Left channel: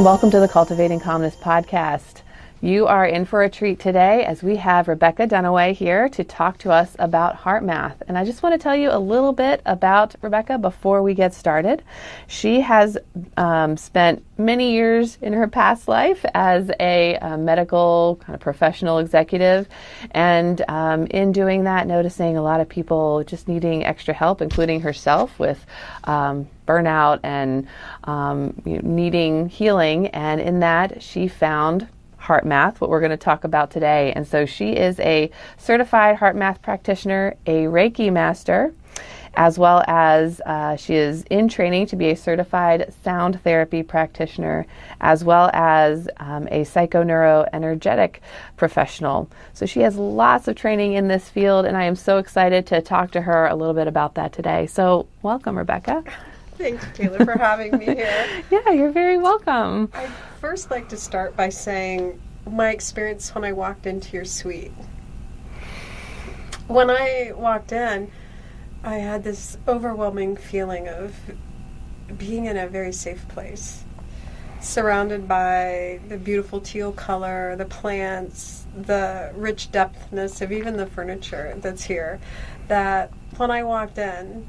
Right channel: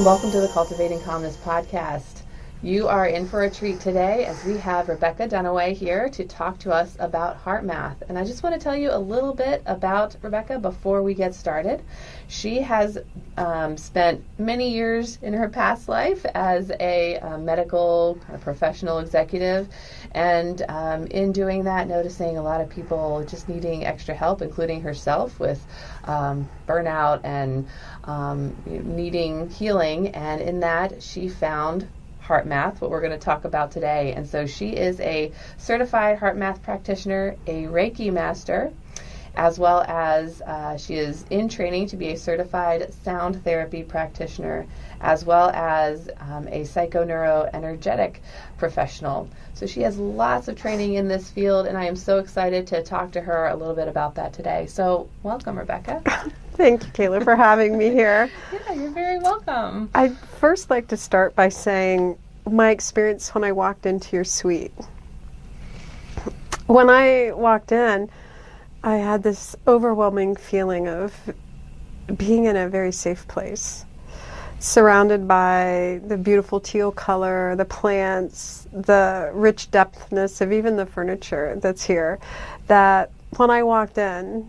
and welcome to the Cultivating Calmness Podcast. You are in for a treat today as we have Rebecca Dunaway here to talk to us about HeartMath. And I just want to tell you a little bit about Rebecca before we get started. She has spent many years in her past life as a medical kind of professional executive, and in doing that, noticing a lot of people just needing extra help, including herself, with burnout and needing healing. And in that, she found HeartMath, what we're going to talk about today. And so she is a certified HeartMath practitioner, a Reiki master, as well as she is in training to be a certified sound therapy practitioner, as well as a psychoneuroenergetic professional. So she has lots of training in this field, and I am so excited to talk to her a little bit about that today. So welcome, Rebecca. Thanks, Kayla, for having me here. Yeah, you're very welcome. I'd first like to start by saying my experience when I walked into your suite. When I walked in, I had this overwhelming feeling of being in a very safe place, surrounded by the beautiful teal color, the plants, the rich depthness of even the furniture that's here, that when I walked in,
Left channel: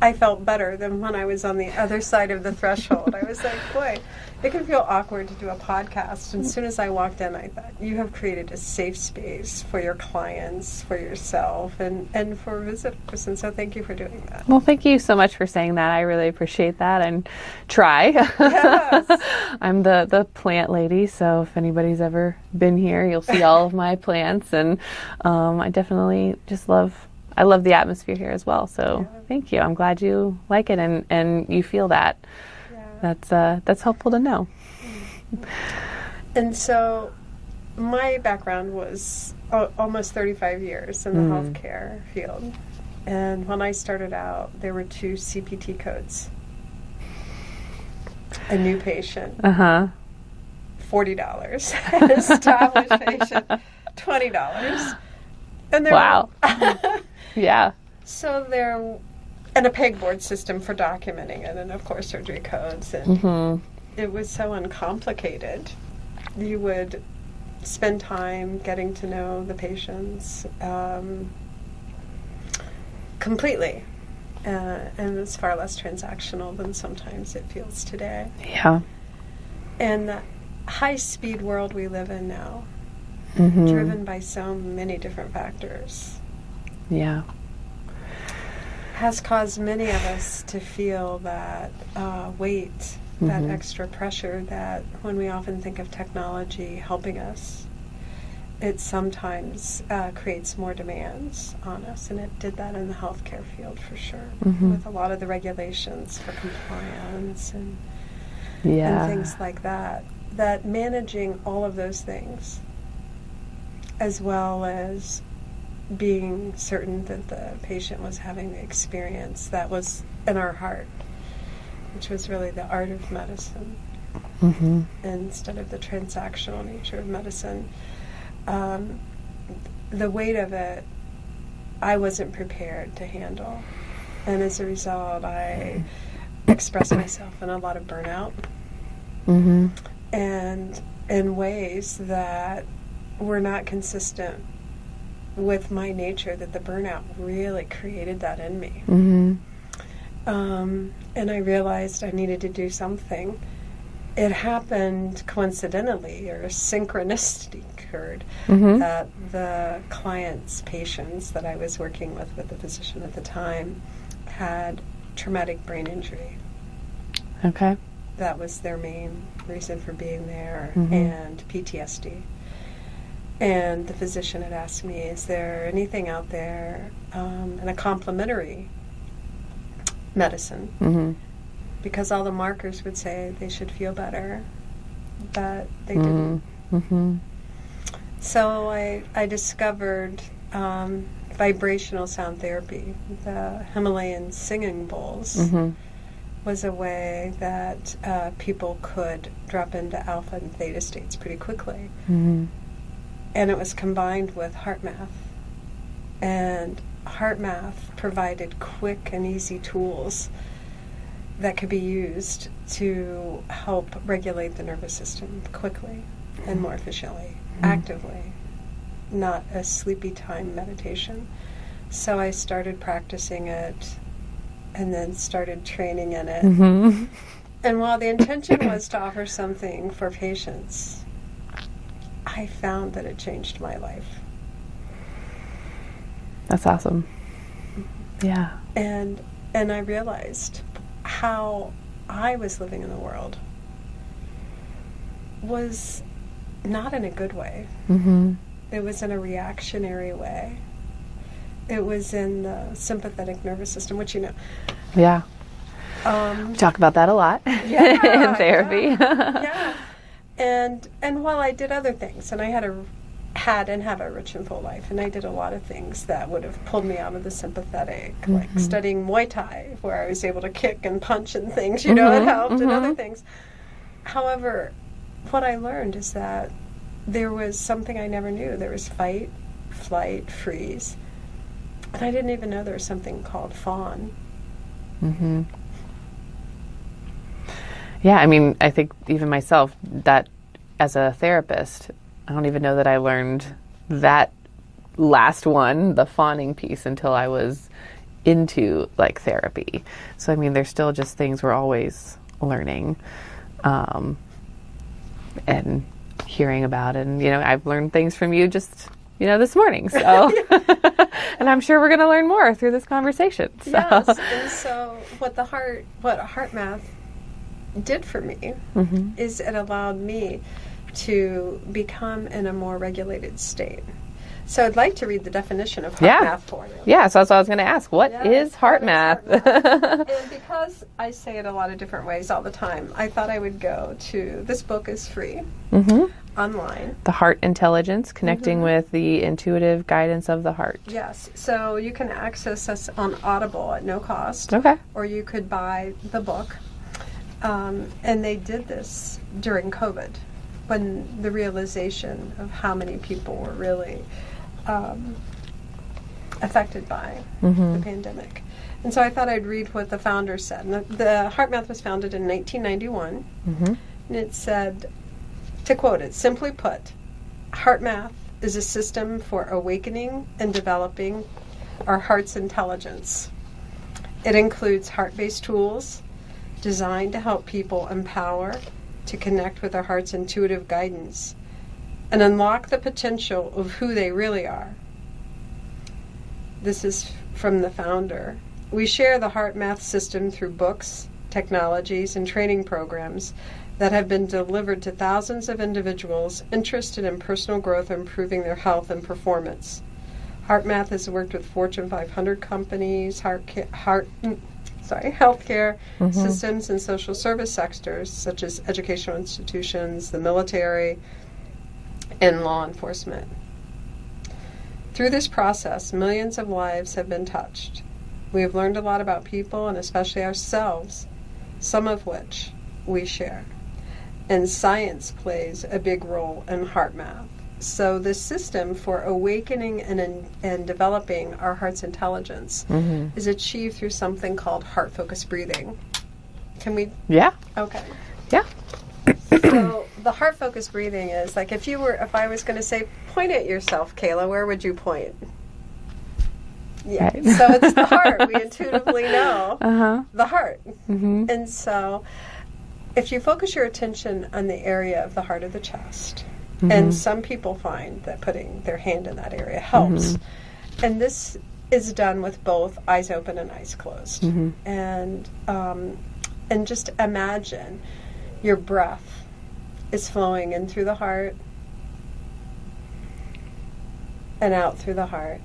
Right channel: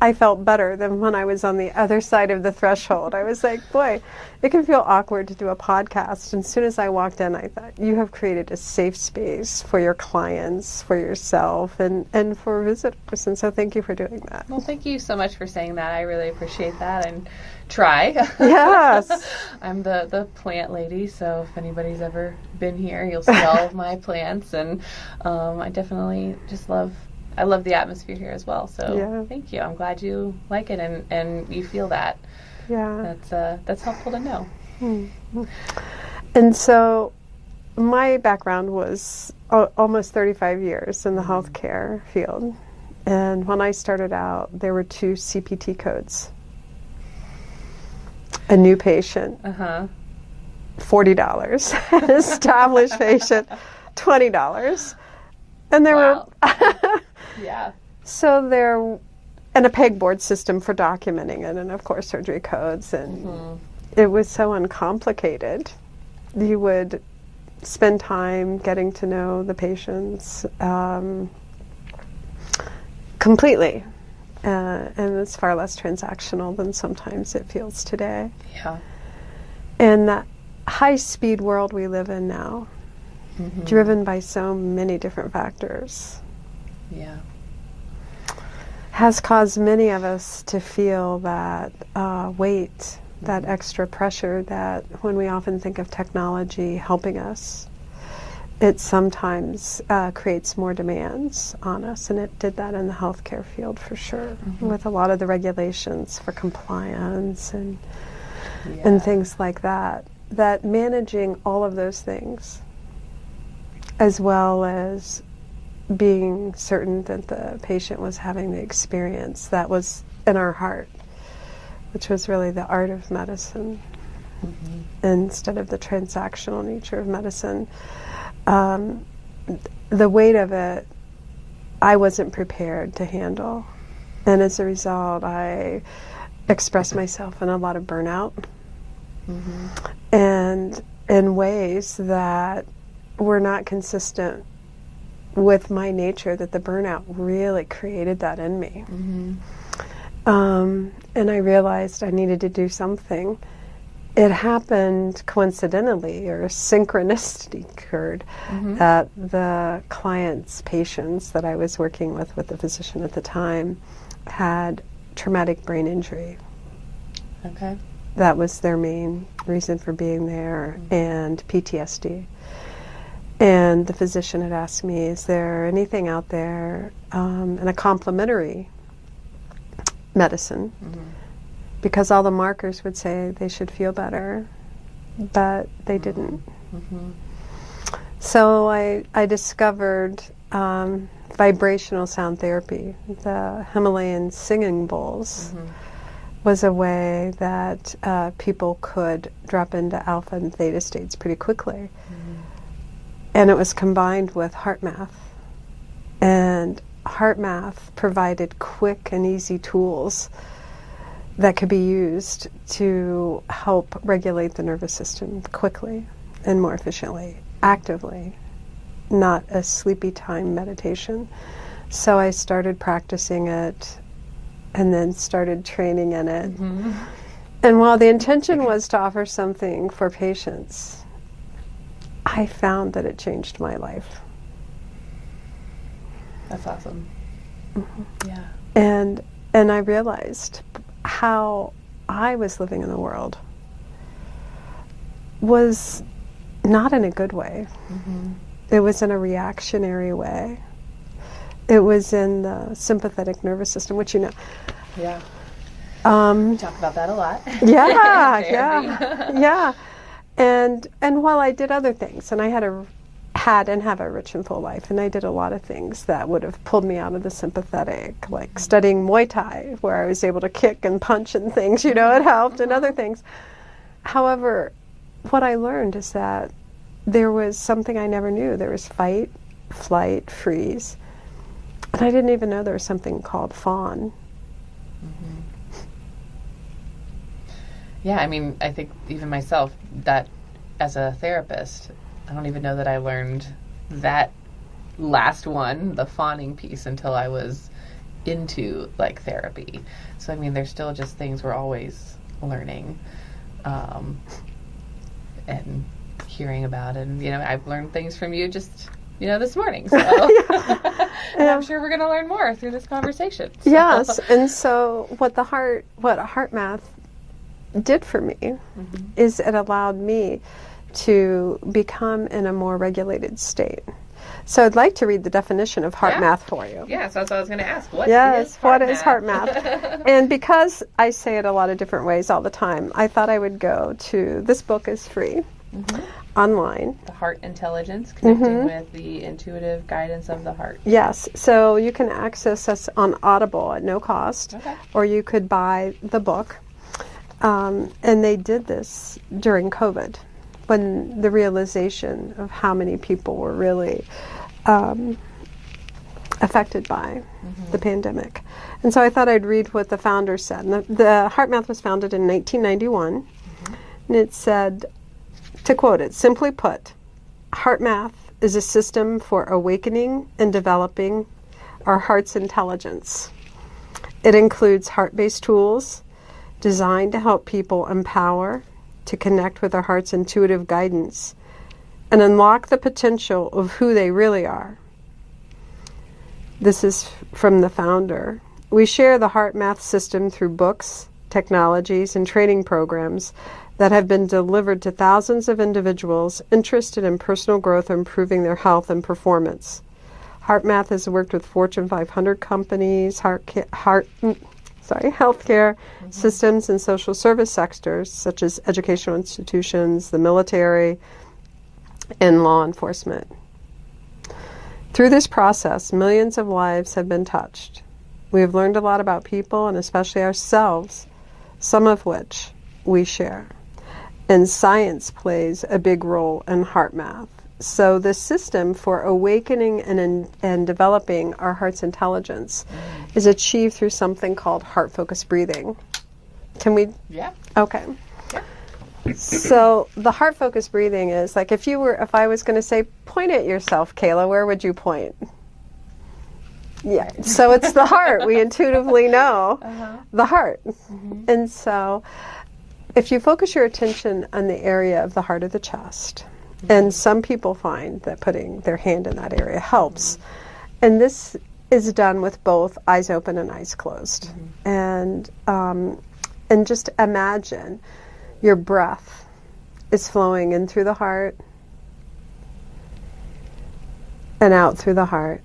I felt better than when I was on the other side of the threshold. I was like, boy, it can feel awkward to do a podcast. And as soon as I walked in, I thought, you have created a safe space for your clients, for yourself, and for visitors. And so thank you for doing that. Well, thank you so much for saying that. I really appreciate that and try. Yes. I'm the plant lady, so if anybody's ever been here, you'll see all of my plants. And I definitely just love the atmosphere here as well. So Thank you. I'm glad you like it and you feel that. Yeah. That's helpful to know. And so my background was almost 35 years in the healthcare field. And when I started out, there were 2 CPT codes. A new patient, $40. An established patient, $20. And there wow. were Yeah. So and a pegboard system for documenting it, and of course surgery codes, and it was so uncomplicated. You would spend time getting to know the patients completely, and it's far less transactional than sometimes it feels today. Yeah. And that high-speed world we live in now, driven by so many different factors, has caused many of us to feel that weight, that extra pressure, that when we often think of technology helping us, it sometimes creates more demands on us. And it did that in the healthcare field for sure, with a lot of the regulations for compliance and things like that. That managing all of those things, as well as being certain that the patient was having the experience that was in our heart, which was really the art of medicine instead of the transactional nature of medicine. The weight of it, I wasn't prepared to handle. And as a result, I expressed myself in a lot of burnout and in ways that were not consistent with my nature, that the burnout really created that in me. And I realized I needed to do something. It happened coincidentally, or a synchronicity occurred, that the client's patients that I was working with the physician at the time, had traumatic brain injury. Okay. That was their main reason for being there, and PTSD. And the physician had asked me, is there anything out there in a complementary medicine? Because all the markers would say they should feel better, but they didn't. So I discovered vibrational sound therapy. The Himalayan singing bowls was a way that people could drop into alpha and theta states pretty quickly. And it was combined with HeartMath. And HeartMath provided quick and easy tools that could be used to help regulate the nervous system quickly and more efficiently, actively, not a sleepy time meditation. So I started practicing it and then started training in it. And while the intention was to offer something for patients, I found that it changed my life. That's awesome. Yeah. And I realized how I was living in the world was not in a good way. It was in a reactionary way. It was in the sympathetic nervous system, which you know. Yeah. We talk about that a lot. Yeah. in therapy. Yeah. And while I did other things, and I had and have a rich and full life, and I did a lot of things that would have pulled me out of the sympathetic, like studying Muay Thai, where I was able to kick and punch and things, you know, it helped, and other things. However, what I learned is that there was something I never knew. There was fight, flight, freeze. And I didn't even know there was something called fawn. Yeah, I mean, I think even myself, that as a therapist, I don't even know that I learned that last one, the fawning piece, until I was into like therapy. So I mean, there's still just things we're always learning, and hearing about, and you know, I've learned things from you just, you know, this morning. So, and I'm sure we're going to learn more through this conversation. So. Yes, and so what HeartMath did for me is it allowed me to become in a more regulated state. So I'd like to read the definition of HeartMath for you. Yeah, so that's what I was going to ask. What is HeartMath? And because I say it a lot of different ways all the time, I thought I would go to, this book is free online. The Heart Intelligence, Connecting with the Intuitive Guidance of the Heart. Yes, so you can access us on Audible at no cost. Okay. Or you could buy the book. And they did this during COVID, when the realization of how many people were really affected by the pandemic. And so I thought I'd read what the founder said. And the HeartMath was founded in 1991. And it said, to quote it, simply put, HeartMath is a system for awakening and developing our heart's intelligence. It includes heart-based tools designed to help people empower, to connect with their heart's intuitive guidance, and unlock the potential of who they really are. This is from the founder. We share the HeartMath system through books, technologies, and training programs that have been delivered to thousands of individuals interested in personal growth and improving their health and performance. HeartMath has worked with Fortune 500 companies, healthcare systems and social service sectors such as educational institutions, the military, and law enforcement. Through this process, millions of lives have been touched. We have learned a lot about people and especially ourselves, some of which we share. And science plays a big role in HeartMath. So the system for awakening and developing our heart's intelligence is achieved through something called heart-focused breathing. Can we? Yeah. Okay. Yeah. So the heart-focused breathing is like if I was going to say, point at yourself, 𝗘𝗫𝗄𝘀, where would you point? Yeah. Right. So it's the heart. We intuitively know the heart. And so if you focus your attention on the area of the heart of the chest, and some people find that putting their hand in that area helps. And this is done with both eyes open and eyes closed. And just imagine your breath is flowing in through the heart and out through the heart.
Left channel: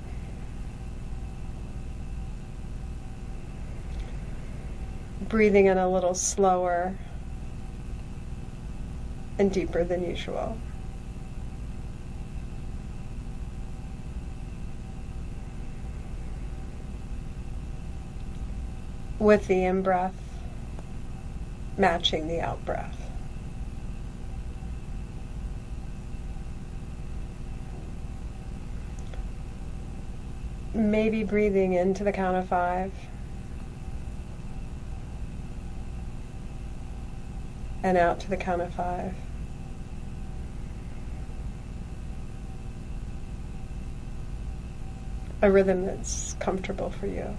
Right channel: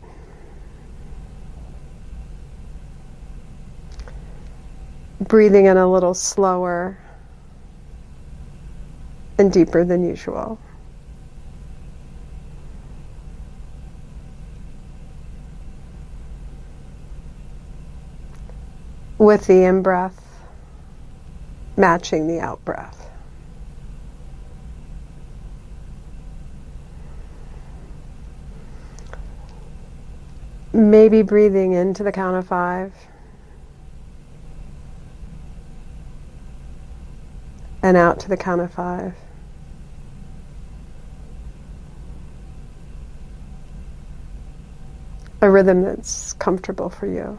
Breathing in a little slower and deeper than usual. With the in-breath matching the out-breath. Maybe breathing into the count of 5. and out to the count of 5. A rhythm that's comfortable for you.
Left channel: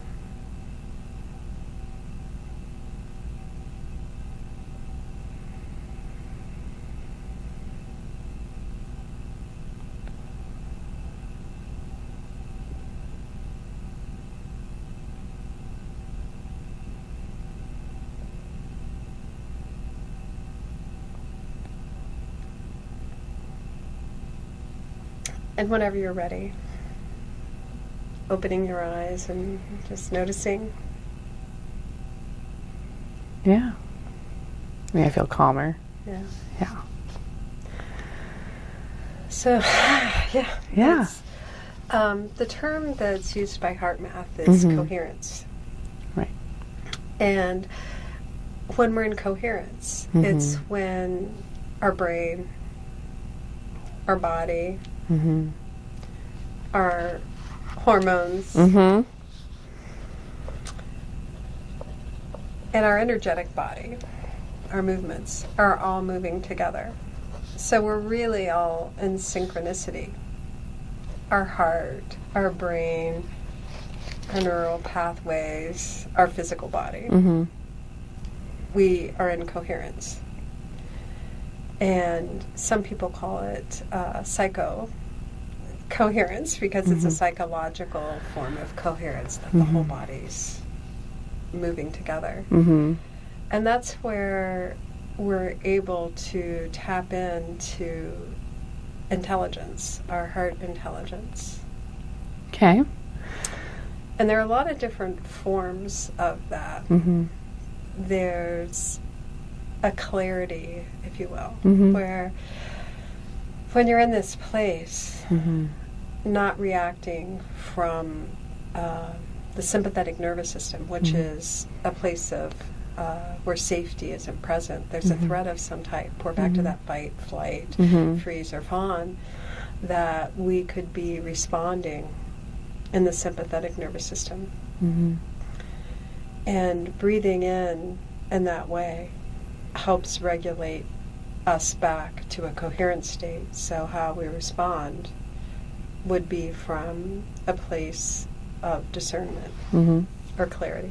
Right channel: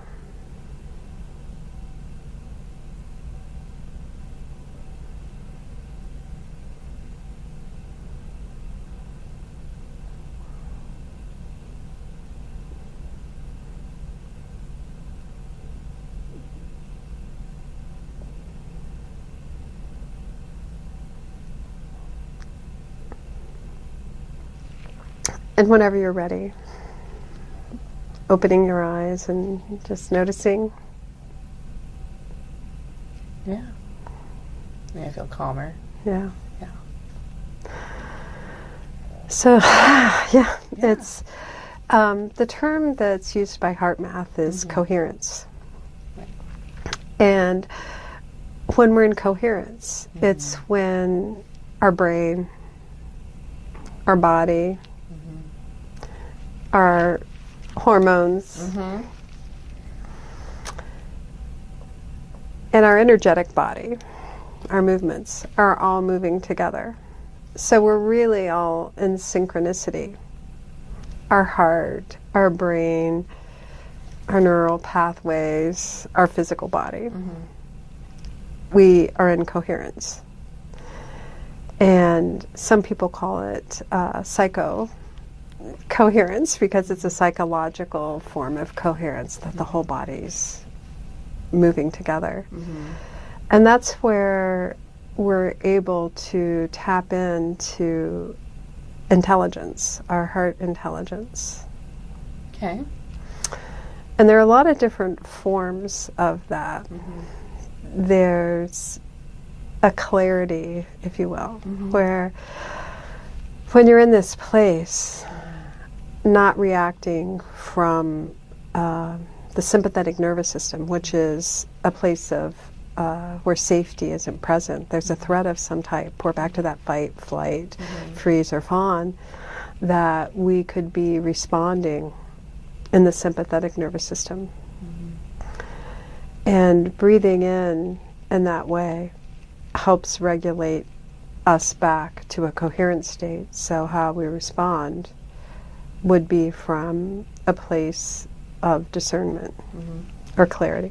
And whenever you're ready, opening your eyes and just noticing. Yeah. I feel calmer. Yeah. Yeah. So, yeah. Yeah. It's, the term that's used by HeartMath is coherence. Right. And when we're in coherence, it's when our brain, our body, our hormones, and our energetic body, our movements, are all moving together. So we're really all in synchronicity. Our heart, our brain, our neural pathways, our physical body. We are in coherence. And some people call it 𝗖𝗂𝗃𝗀𝗁𝗆 because it's a psychological form of coherence, that the whole body's moving together. And that's where we're able to tap into intelligence, our heart intelligence. Okay. And there are a lot of different forms of that. There's a clarity, if you will, where when you're in this place, not reacting from the sympathetic nervous system, which is a place of where safety isn't present. There's a threat of some type. We're back to that fight, flight, freeze, or fawn, that we could be responding in the sympathetic nervous system. And breathing in that way helps regulate us back to a coherent state. So how we respond would be from a place of discernment or clarity.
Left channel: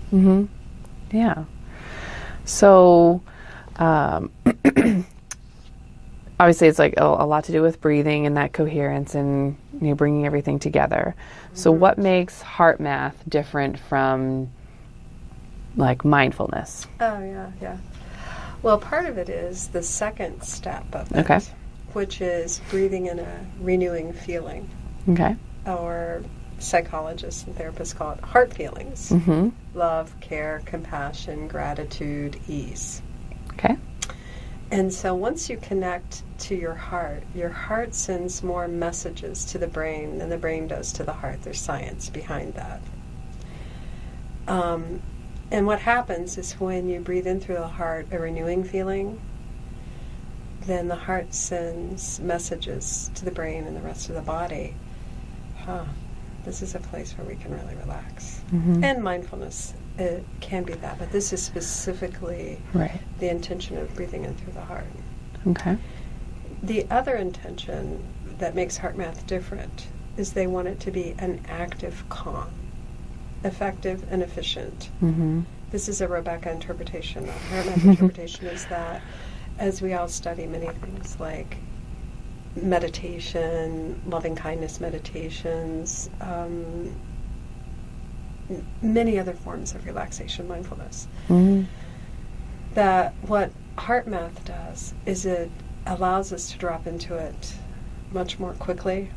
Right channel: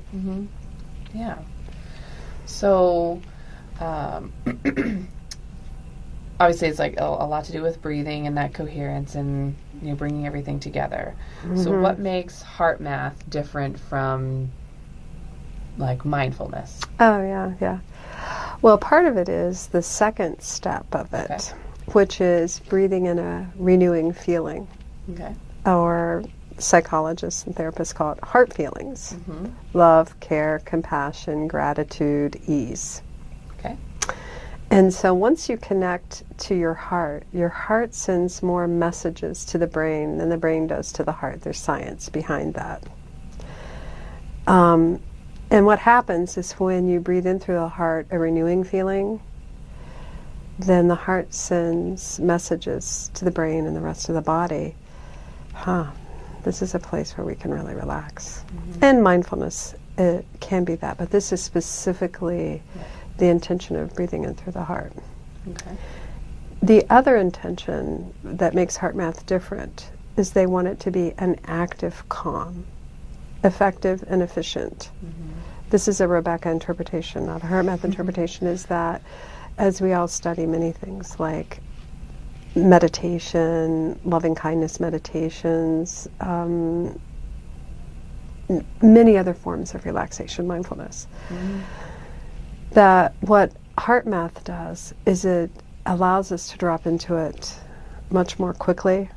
Yeah. So obviously it's like a lot to do with breathing and that coherence and bringing everything together. So what makes HeartMath different from like mindfulness? Oh, yeah. Well, part of it is the second step of it, which is breathing in a renewing feeling. Okay. Or psychologists and therapists call it heart feelings. Love, care, compassion, gratitude, ease. Okay. And so once you connect to your heart sends more messages to the brain than the brain does to the heart. There's science behind that. And what happens is when you breathe in through the heart a renewing feeling, then the heart sends messages to the brain and the rest of the body. This is a place where we can really relax. And mindfulness, it can be that, but this is specifically the intention of breathing in through the heart. Okay. The other intention that makes HeartMath different is they want it to be an active calm, effective and efficient. This is a Rebecca interpretation. Now, the HeartMath interpretation is that, as we all study many things like meditation, loving kindness meditations, many other forms of relaxation, mindfulness, that what HeartMath does is it allows us to drop into it much more quickly.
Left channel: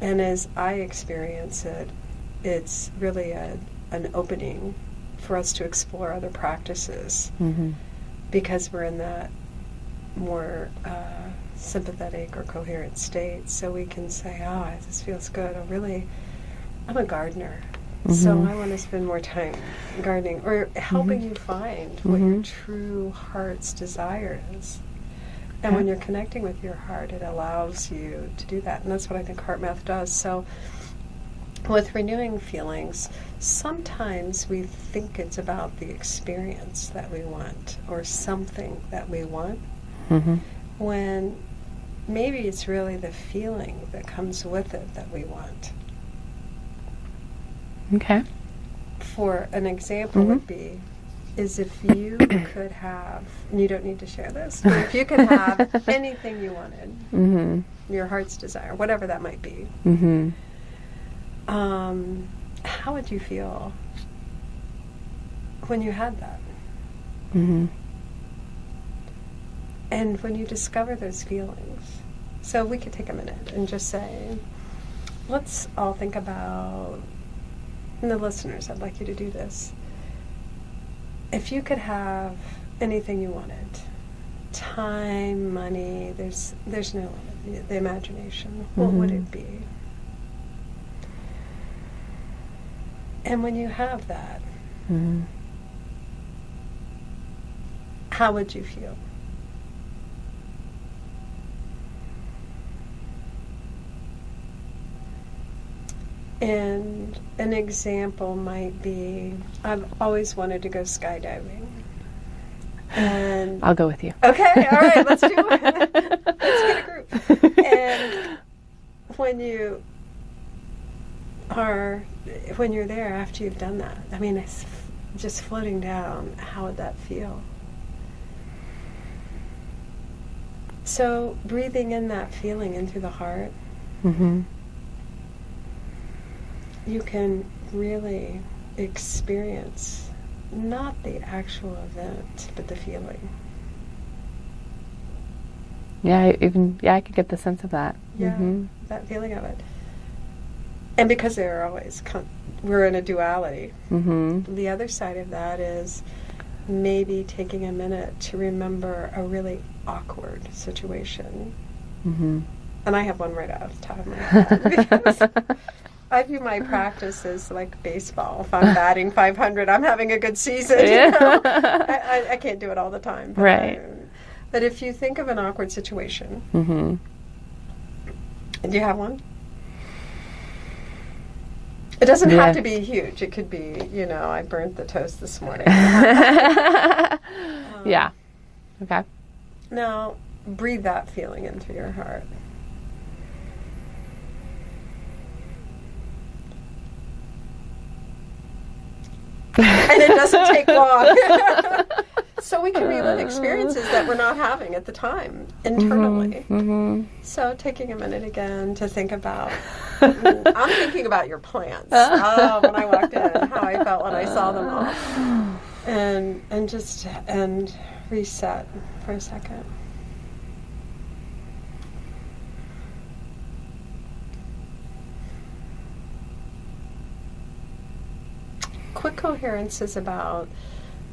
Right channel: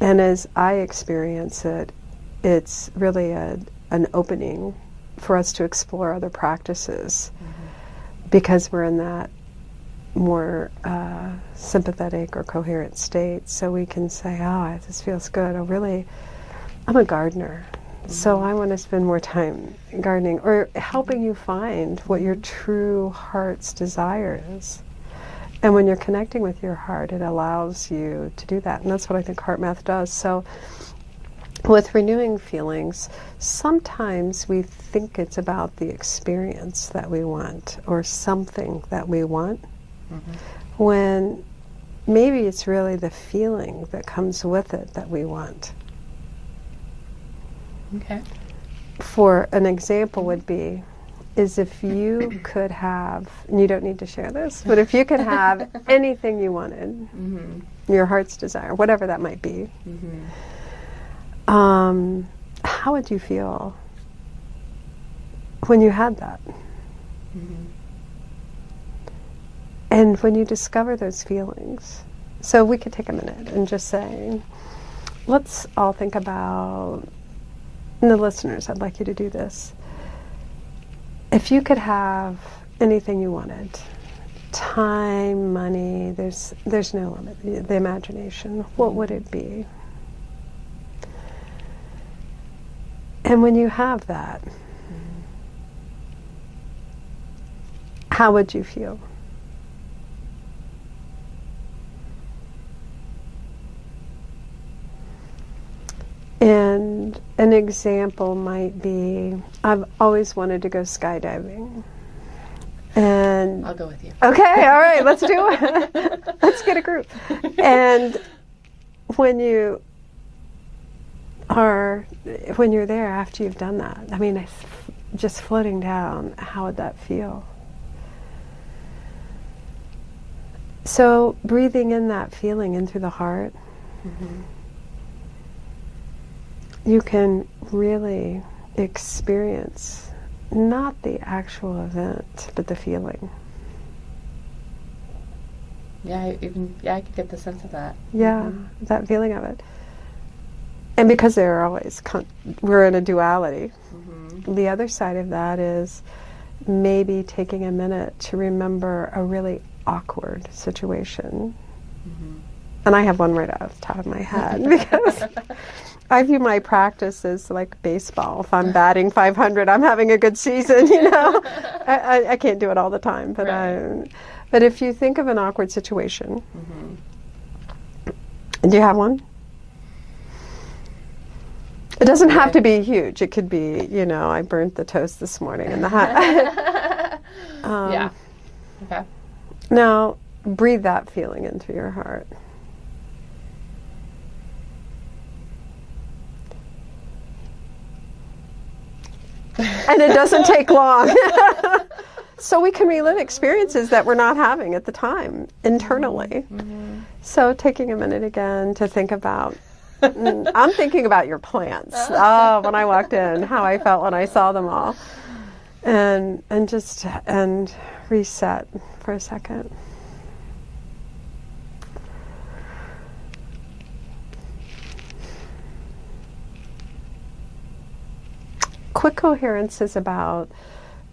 And as I experience it, it's really an opening for us to explore other practices because we're in that more sympathetic or coherent state. So we can say, oh, this feels good. I'm a gardener. So I want to spend more time gardening or helping you find what your true heart's desire is. And when you're connecting with your heart, it allows you to do that. And that's what I think HeartMath does. So with renewing feelings, sometimes we think it's about the experience that we want or something that we want, when maybe it's really the feeling that comes with it that we want. Okay. For an example would be, is if you could have, and you don't need to share this, but if you could have anything you wanted, your heart's desire, whatever that might be, how would you feel when you had that? And when you discover those feelings. So we could take a minute and just say, let's all think about, and the listeners, I'd like you to do this. If you could have anything you wanted, time, money, there's no limit, the imagination, what would it be? And when you have that, how would you feel? And an example might be, I've always wanted to go skydiving. And I'll go with you. Okay, all right, let's do it. Let's get a group. And when you're there after you've done that, I mean, it's just floating down, how would that feel? So breathing in that feeling in through the heart, you can really experience not the actual event, but the feeling. Yeah, I could get the sense of that. Yeah, that feeling of it. And because they're always, we're in a duality. The other side of that is maybe taking a minute to remember a really awkward situation. And I have one right off the top of my head because I view my practice as like baseball. If I'm batting 500, I'm having a good season. You know? I can't do it all the time. But, right. But if you think of an awkward situation, do you have one? It doesn't have to be huge. It could be, I burnt the toast this morning. Yeah. Okay. Now, breathe that feeling in through your heart. And it doesn't take long. So we can relive experiences that we're not having at the time internally. So taking a minute again to think about, I'm thinking about your plants. When I walked in, how I felt when I saw them all. And reset for a second. Quick coherence is about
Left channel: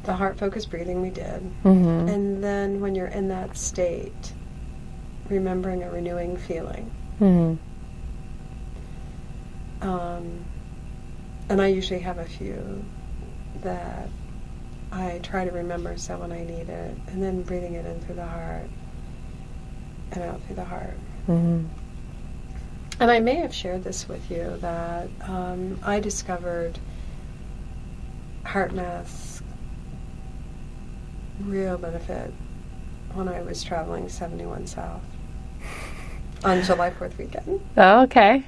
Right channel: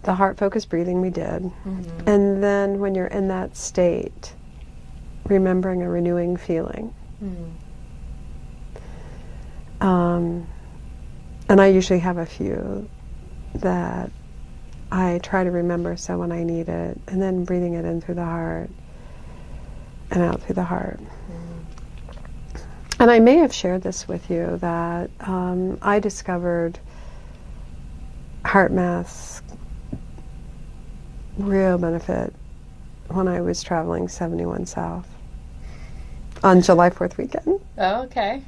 the heart-focused breathing we did. And then when you're in that state, remembering a renewing feeling. And I usually have a few that I try to remember so when I need it, and then breathing it in through the heart and out through the heart. And I may have shared this with you that I discovered HeartMath's real benefit when I was traveling 71 South on July 4th weekend. Oh, okay.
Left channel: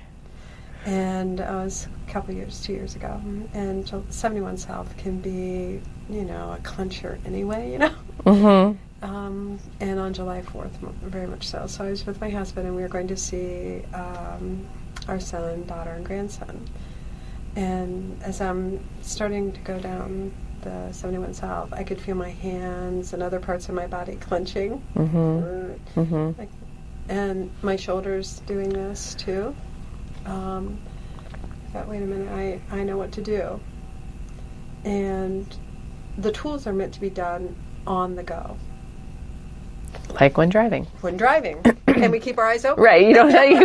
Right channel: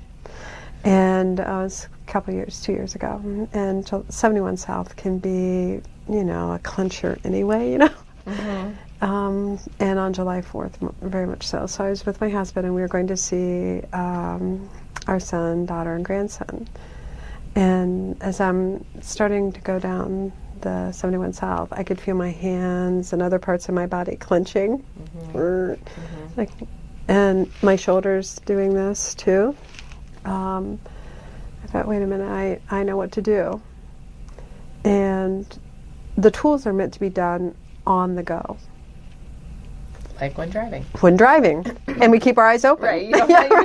And I was a couple years, 2 years ago. And 71 South can be, a clincher anyway, And on July 4th, very much so. So I was with my husband, and we were going to see our son, daughter, and grandson. And as I'm starting to go down the 71 South, I could feel my hands and other parts of my body clenching. And my shoulders doing this too. I thought, wait a minute, I know what to do. And the tools are meant to be done on the go. Like when driving. When driving. And we keep our eyes open. Right. We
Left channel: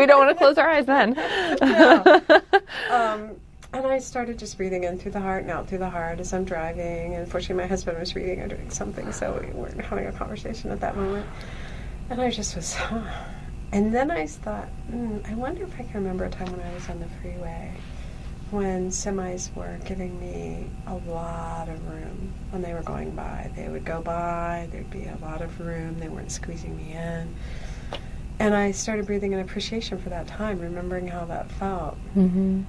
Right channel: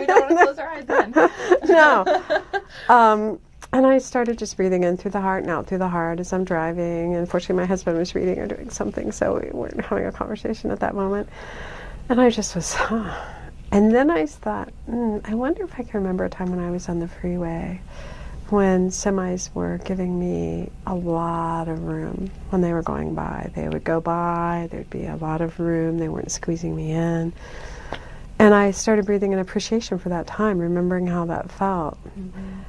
don't want to close our eyes then. No. And I started just breathing in through the heart and out through the heart as I'm driving. And unfortunately, my husband was reading or doing something, so we weren't having a conversation at that moment. And I just was, And then I thought, I wonder if I can remember a time when I was on the freeway when semis were giving me a lot of room when they were going by. They would go by, there'd be a lot of room, they weren't squeezing me in. And I started breathing in appreciation for that time, remembering how that felt. Mm-hmm.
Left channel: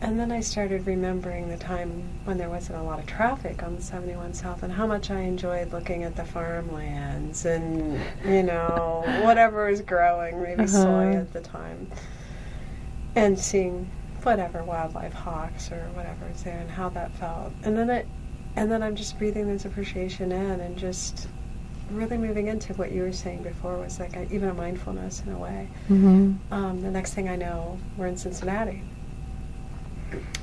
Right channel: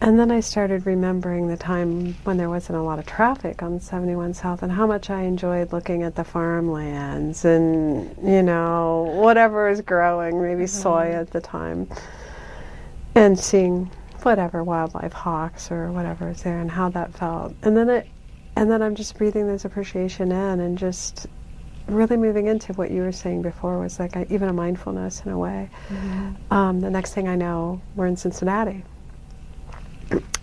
And then I started remembering the time when there wasn't a lot of traffic on 71 South and how much I enjoyed looking at the farmlands and, you know, whatever was growing, maybe soy at the time, and seeing whatever wildlife, hawks or whatever is there, and how that felt. And then I'm just breathing this appreciation in and just really moving into what you were saying before was like even a mindfulness in a way. Mm-hmm. The next thing I know, we're in Cincinnati.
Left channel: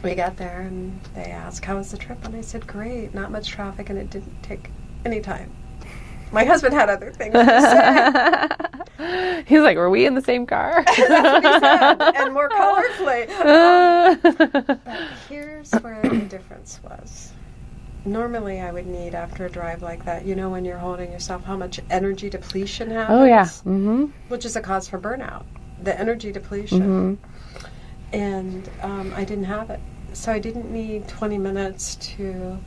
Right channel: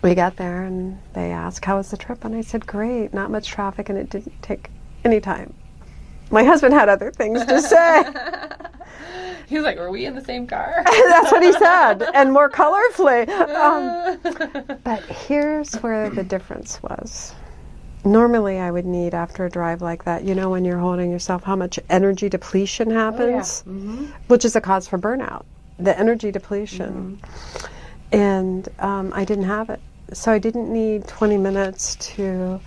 We got there and they asked, how was the trip? And I said, great, not much traffic, and it didn't take any time. My husband had other things to say. He's like, were we in the same car? That's what he said, and more colorfully. But here's where the difference was. Normally I would need, after a drive like that, you know, when you're holding yourself, how much energy depletion happens? Oh, yeah. Mm-hmm. Which is a cause for burnout, the energy depletion. Mm-hmm. And I didn't have it. So I didn't need 20 minutes to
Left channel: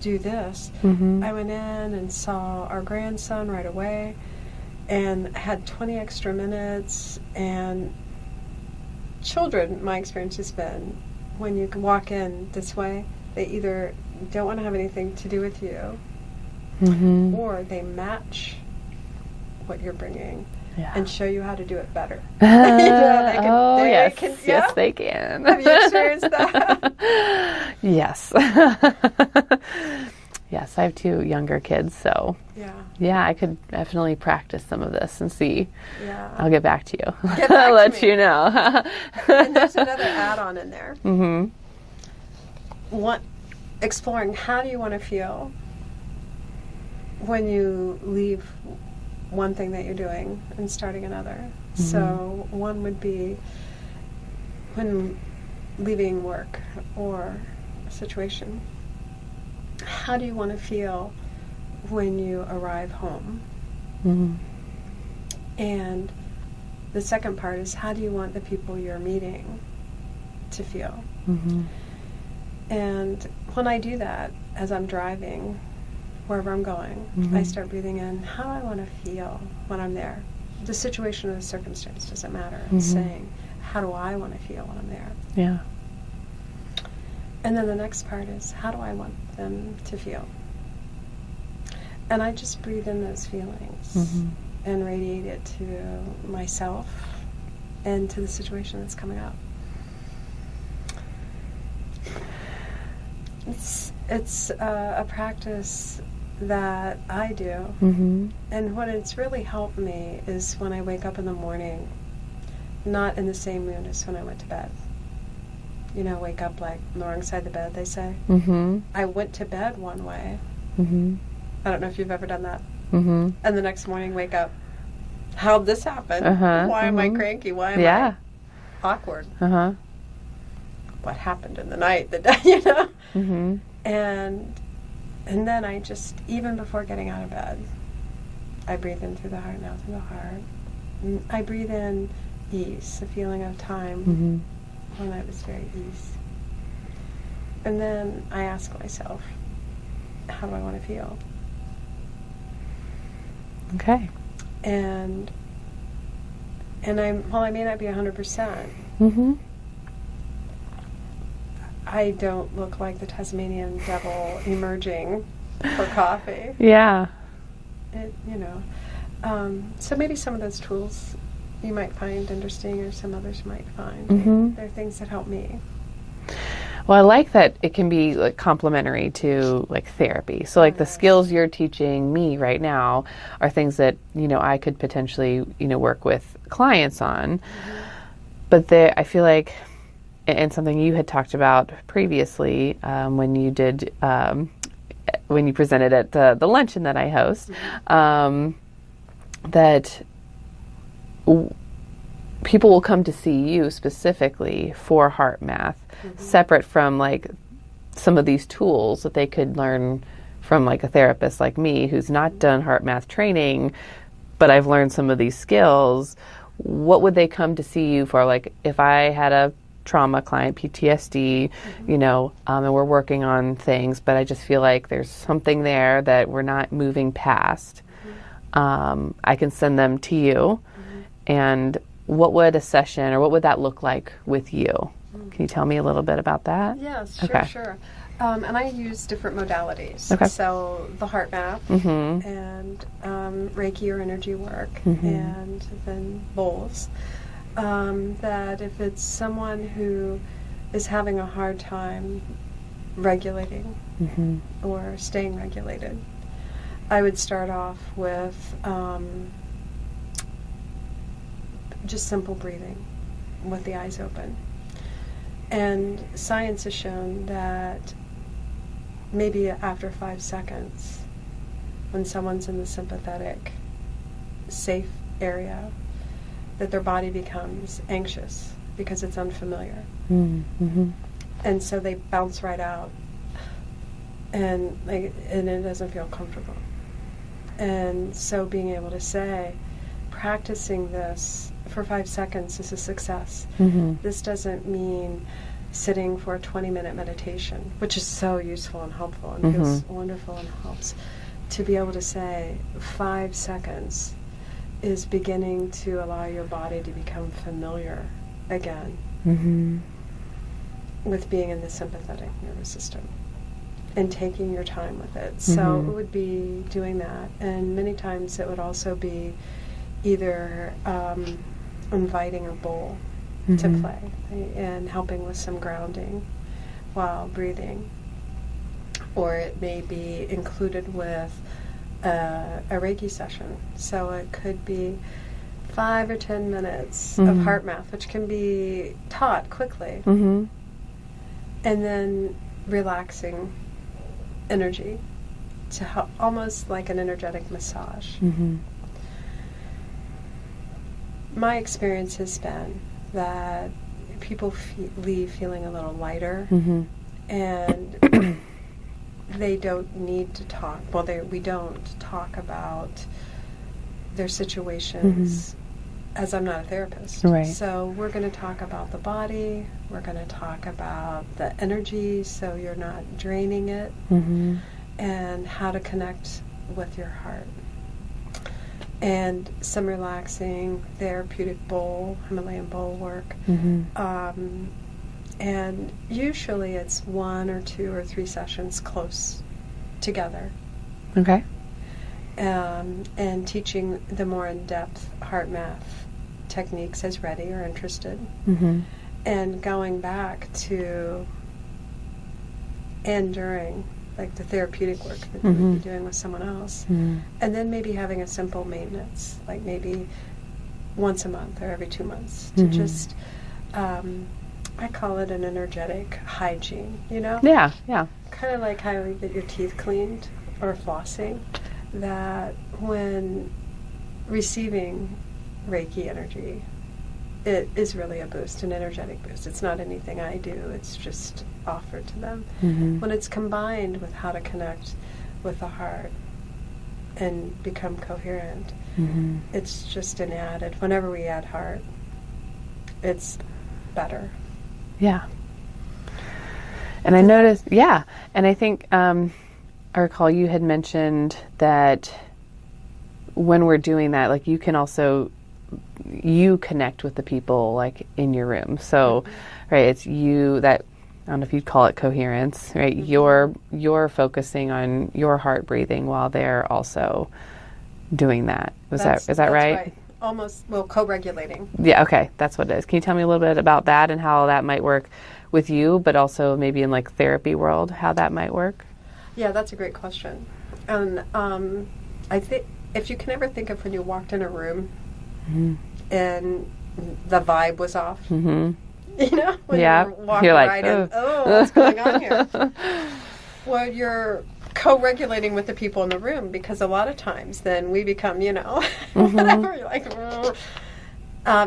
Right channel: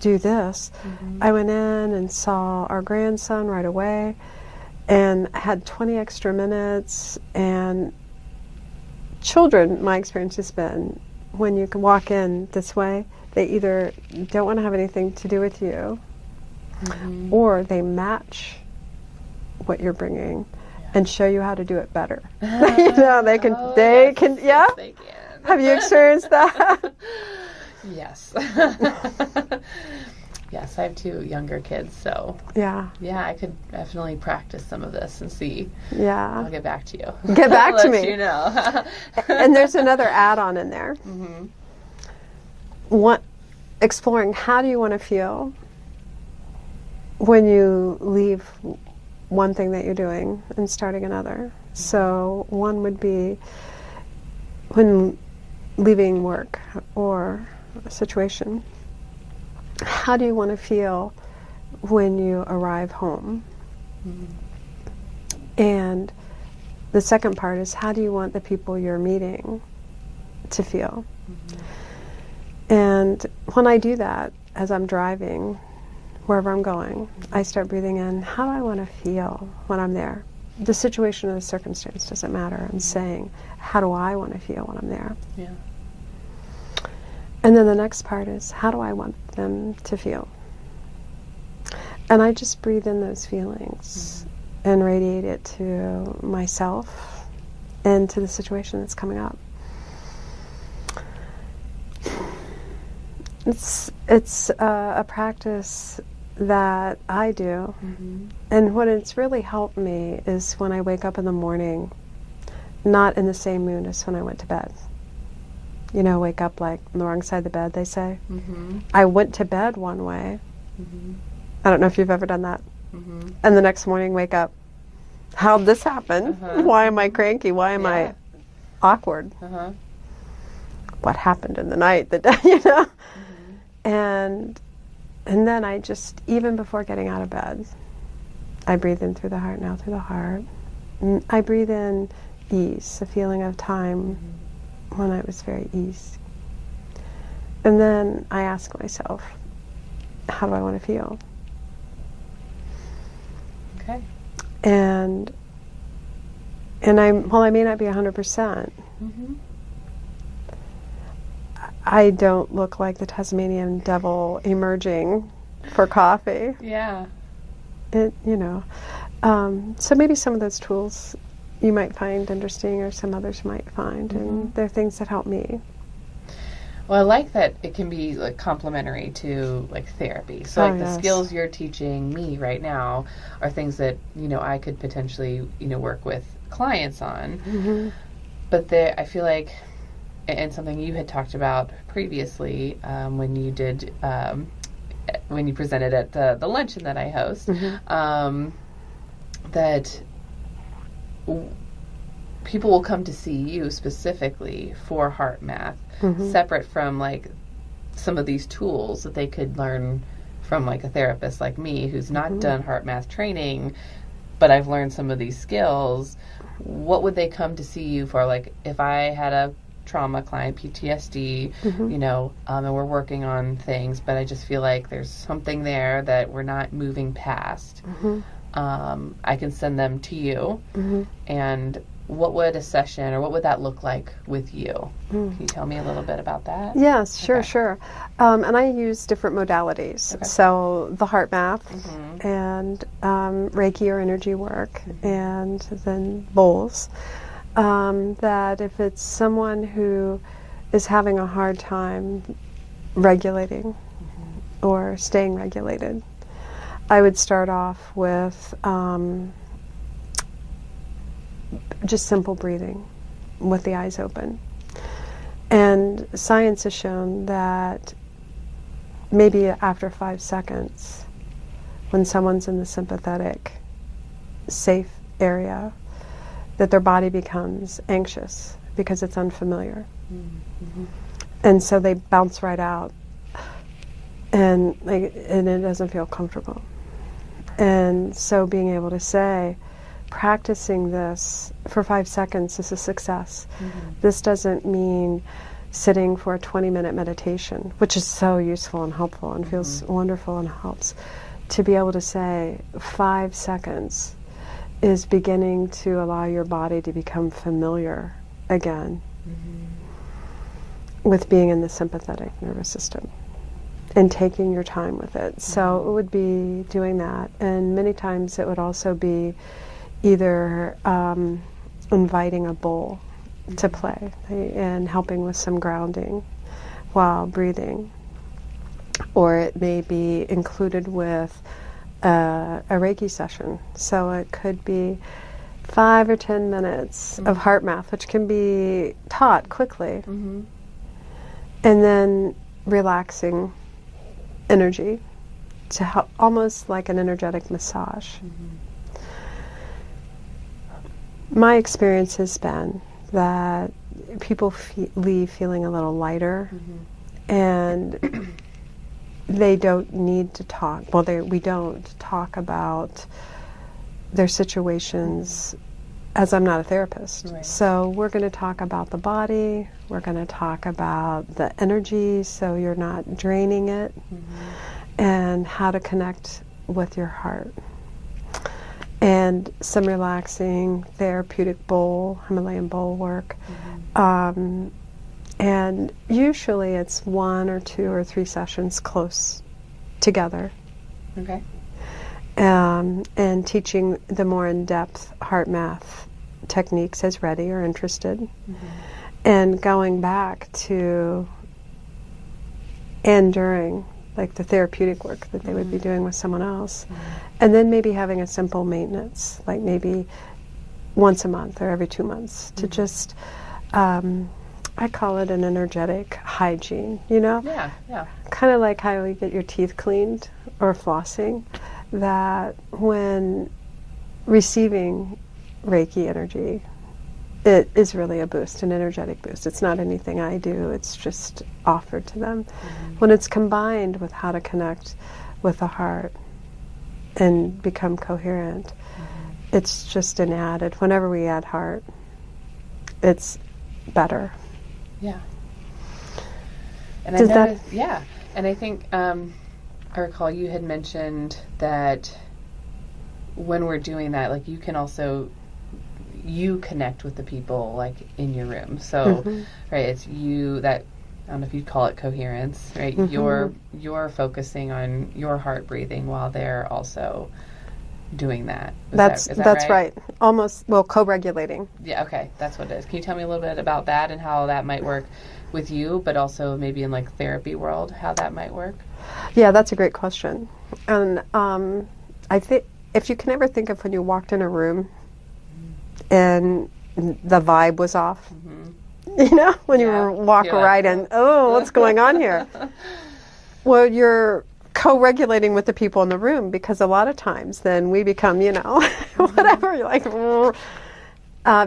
do this. Mm-hmm. I went in and saw our grandson right away and had 20 extra minutes. And children, my experience has been, when you can walk in this way, they either don't want to have anything to do with you, mm-hmm. or they match what you're bringing. Yeah. And show you how to do it better. You know, they can. Yeah? Yes, they can. Have you experienced that? Yes. Yes, I have 2 younger kids, so yeah, I could definitely practice some of this and see. Yeah, I'll get back to you. Get back I'll to let me. You know. And there's another add-on in there. Mm-hmm. Exploring how do you want to feel when you leave one thing that you're doing and starting another. Mm-hmm. So one would be when leaving work or a situation. How do you want to feel when you arrive home? Mm-hmm. And the second part is, how do you want the people you're meeting to feel? Mm-hmm. And when I do that, as I'm driving, wherever I'm going, mm-hmm. I start breathing in, how do I want to feel when I'm there? The situation or the circumstance doesn't matter. I'm mm-hmm. saying, how do I want to feel when I'm there? Yeah. And then the next part is, how do I want them to feel? And I just breathe in those feelings mm-hmm. and radiate it to myself and to the situation that's coming up. It's a practice that I do, mm-hmm. and what it's really helped me is when I wake up in the morning, not in the same mood as when I went to bed. You know, wake up like on the wrong side of the bed, they say. Mm-hmm. I went to bed one way. Mm-hmm. I don't know if you've ever done that. Mm-hmm. And the next morning wake up, how'd this happen? Uh-huh. Why am I cranky? Why am I awkward? Uh-huh. What happened in the night, you know? Mm-hmm. And then I just, even before getting out of bed, I breathe in through the heart and out through the heart. And I breathe in ease, a feeling of time mm-hmm. when I was very ease. And then I ask myself, how do I want to feel? Okay. And while I may not be 100%, mm-hmm. I don't look like the Tasmanian devil emerging for coffee. Yeah. You know. So maybe some of those tools you might find interesting, or some others might find. Mm-hmm. They're things that help me. Well, I like that it can be like complementary to like therapy. So like the skills you're teaching me right now are things that, you know, I could potentially, you know, work with clients on. Mm-hmm. But I feel like, and something you had talked about previously when you did, when you presented at the luncheon that I host, mm-hmm. That people will come to see you specifically for HeartMath, mm-hmm. separate from like some of these tools that they could learn from like a therapist like me who's not mm-hmm. done HeartMath training, but I've learned some of these skills. What would they come to see you for? Like if I had a trauma client, PTSD, you know, and we're working on things, but I just feel like there's something there that we're not moving past. I can send them to you. And what would a session, or what would that look like with you? Can you tell me a little bit about that? Yes, sure, Okay. sure. And I use different modalities. Okay. So the HeartMath and Reiki or energy work, and then bowls. That if it's someone who is having a hard time regulating or staying regulated, I would start off with just simple breathing with the eyes open. And science has shown that maybe after 5 seconds, when someone's in the sympathetic, safe area, that their body becomes anxious because it's unfamiliar. And so they bounce right out, and it doesn't feel comfortable. And so being able to say, practicing this for 5 seconds is a success. This doesn't mean sitting for a 20-minute meditation, which is so useful and helpful and feels wonderful and helps. To be able to say 5 seconds is beginning to allow your body to become familiar again with being in the sympathetic nervous system and taking your time with it. So it would be doing that. And many times it would also be either inviting a bowl to play and helping with some grounding while breathing. Or it may be included with a Reiki session. So it could be 5 or 10 minutes of HeartMath, which can be taught quickly. And then relaxing energy to help, almost like an energetic massage. My experience has been that people leave feeling a little lighter, and they don't need to talk. Well, we don't talk about their situations, as I'm not a therapist. Right. So we're going to talk about the body, we're going to talk about the energy so you're not draining it, and how to connect with your heart. And some relaxing therapeutic bowl, Himalayan bowl work. And usually it's 1 or 2 or 3 sessions close together. Okay. And teaching the more in-depth HeartMath techniques as ready or interested. And going back to and during, like the therapeutic work that they would be doing with someone else. And then maybe having a simple maintenance, like maybe once a month or every 2 months to just, I call it an energetic hygiene, you know? Yeah, yeah. Kind of like how you get your teeth cleaned or flossing, that when receiving Reiki energy, it is really a boost, an energetic boost. It's not anything I do, it's just offered to them. When it's combined with how to connect with the heart and become coherent, it's just an added. Whenever we add heart, it's better. Yeah. And I noticed, and I think, I recall you had mentioned that when we're doing that, like you can also, you connect with the people like in your room. So, right, it's you that, I don't know if you'd call it coherence, right? You're focusing on your heart breathing while they're also doing that. Is that right? That's right. Almost, well, co-regulating. Yeah, okay. That's what it is. Can you tell me a little bit about that and how that might work with you, but also maybe in like therapy world, how that might work? Yeah, that's a great question. And I think if you can ever think of when you walked in a room and the vibe was off, you know, when you walk right in, what's going on here? Well, you're co-regulating with the people in the room, because a lot of times then we become, you know, whatever, you're like,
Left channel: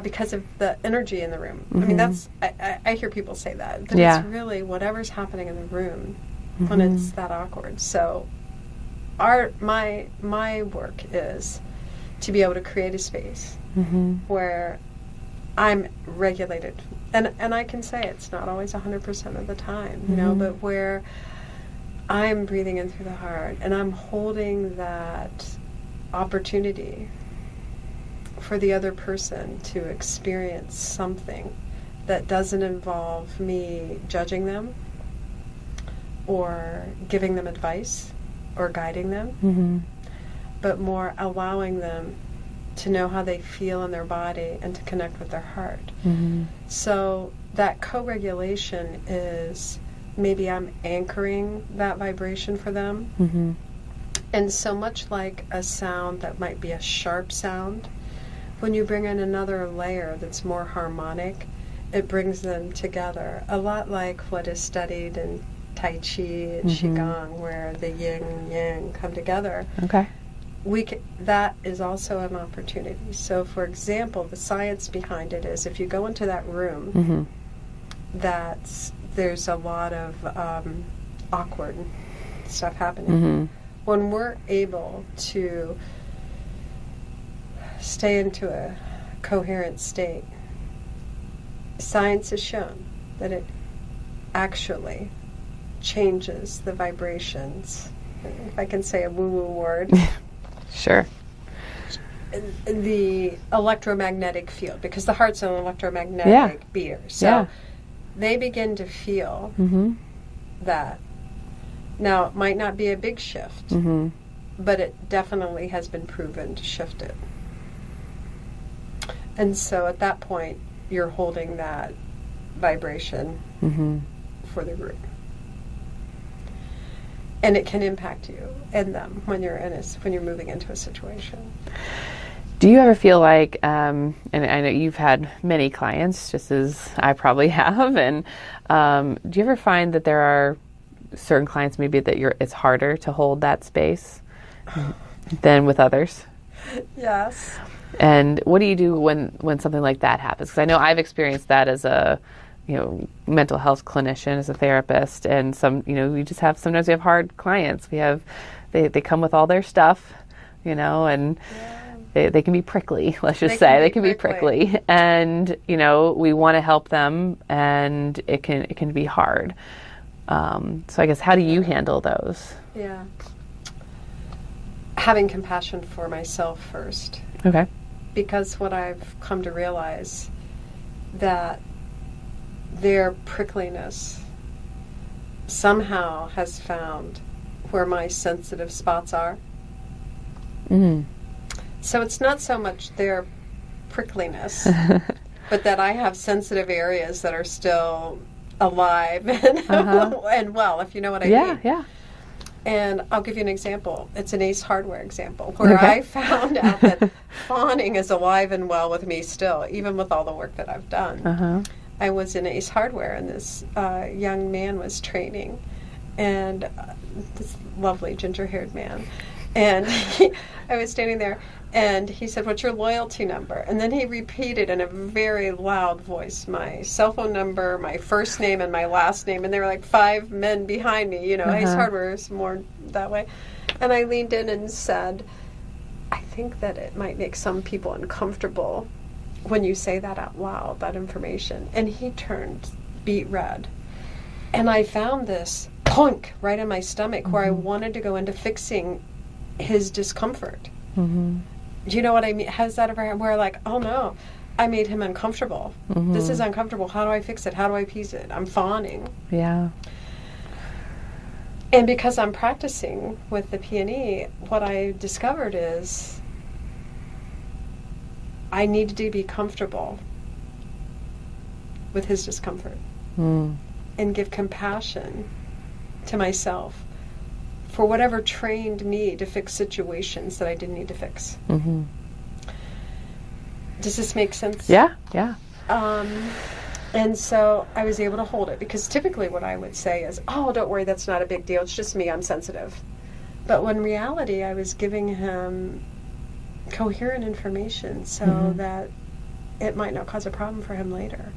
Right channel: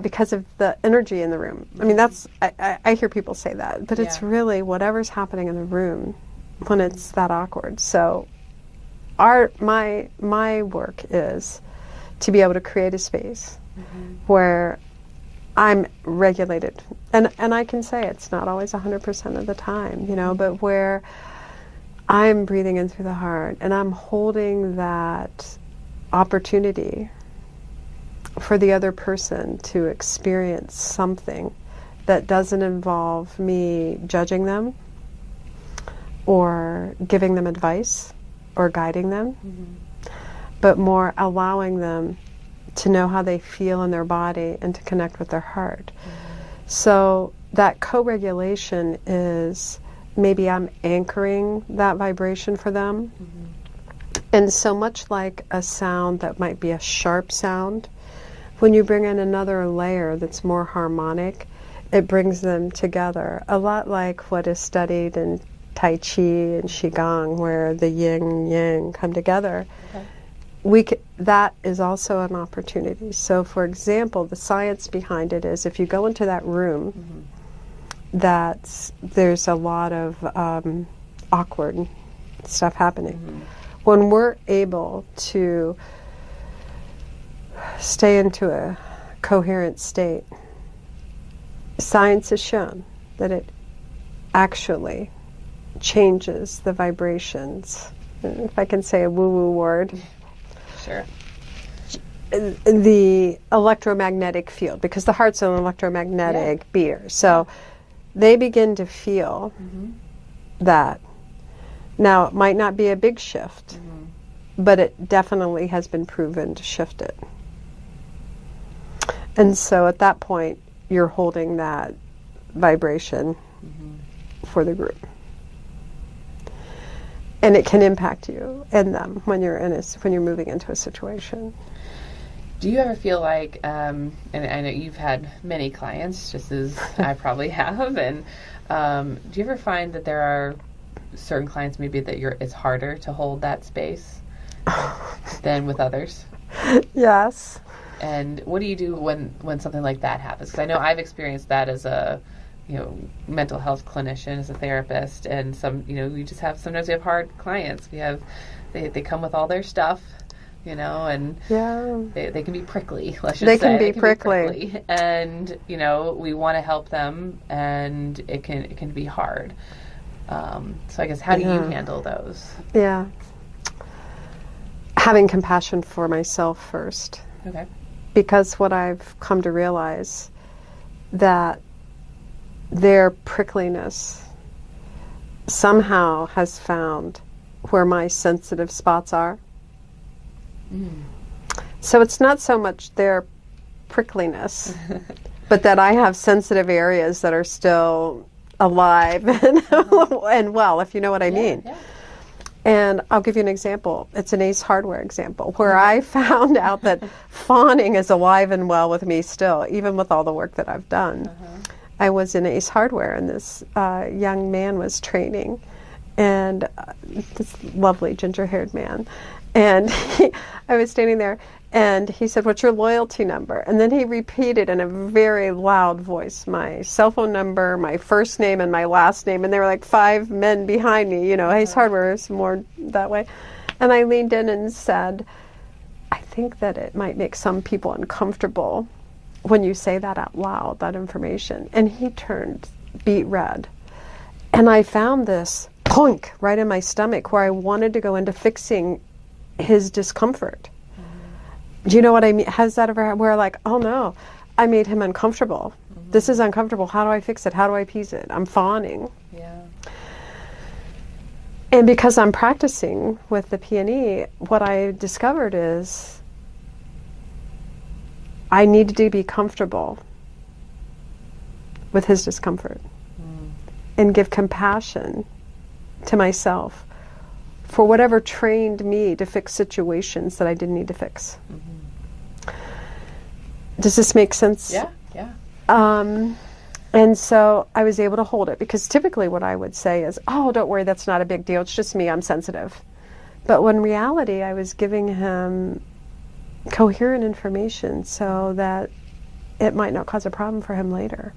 because of the energy in the room. I mean, that's, I hear people say that, but it's really whatever's happening in the room when it's that awkward. So my work is to be able to create a space where I'm regulated. And I can say it's not always 100% of the time, you know, but where I'm breathing in through the heart and I'm holding that opportunity for the other person to experience something that doesn't involve me judging them or giving them advice or guiding them, but more allowing them to know how they feel in their body and to connect with their heart. So that co-regulation is maybe I'm anchoring that vibration for them. And so much like a sound that might be a sharp sound, when you bring in another layer that's more harmonic, it brings them together. A lot like what is studied in Tai Chi and Qigong, where the yin and yang come together. Okay. That is also an opportunity. So, for example, the science behind it is if you go into that room, there's a lot of awkward stuff happening. When we're able to stay into a coherent state, science has shown that it actually changes the vibrations. If I can say a woo-woo word. Sure. The electromagnetic field, because the heart's an electromagnetic beater. So they begin to feel that. Now, it might not be a big shift, but it definitely has been proven to shift it. And so at that point, you're holding that vibration for the group. And it can impact you and them when you're moving into a situation. Do you ever feel like, and I know you've had many clients, just as I probably have, and do you ever find that there are certain clients maybe that it's harder to hold that space than with others? Yes. And what do you do when something like that happens? Because I know I've experienced that as a mental health clinician, as a therapist, and sometimes we have hard clients. They come with all their stuff, and they can be prickly. Let's just say they can be prickly, and we want to help them, and it can be hard. So I guess how do you handle those? Yeah, having compassion for myself first. Okay. Because what I've come to realize that their prickliness somehow has found where my sensitive spots are. So it's not so much their prickliness, but that I have sensitive areas that are still alive and, and well, if you know what I mean. Yeah. And I'll give you an example. It's an Ace Hardware example where I found out that fawning is alive and well with me still, even with all the work that I've done. I was in Ace Hardware, and this young man was training, and this lovely ginger-haired man. And I was standing there, and he said, "What's your loyalty number?" And then he repeated in a very loud voice my cell phone number, my first name, and my last name. And there were like 5 men behind me. Ace Hardware is more that way. And I leaned in and said, "I think that it might make some people uncomfortable when you say that out loud, that information." And he turned beet red. And I found this clunk right in my stomach where I wanted to go into fixing his discomfort. Do you know what I mean? Has that ever happened where like, oh no, I made him uncomfortable. This is uncomfortable. How do I fix it? How do I piece it? I'm fawning. Yeah. And because I'm practicing with the PNE, what I discovered is I needed to be comfortable with his discomfort and give compassion to myself for whatever trained me to fix situations that I didn't need to fix. Does this make sense? Yeah. And so I was able to hold it, because typically what I would say is, "Oh, don't worry, that's not a big deal. It's just me. I'm sensitive." But when in reality, I was giving him coherent information so that it might not cause a problem for him later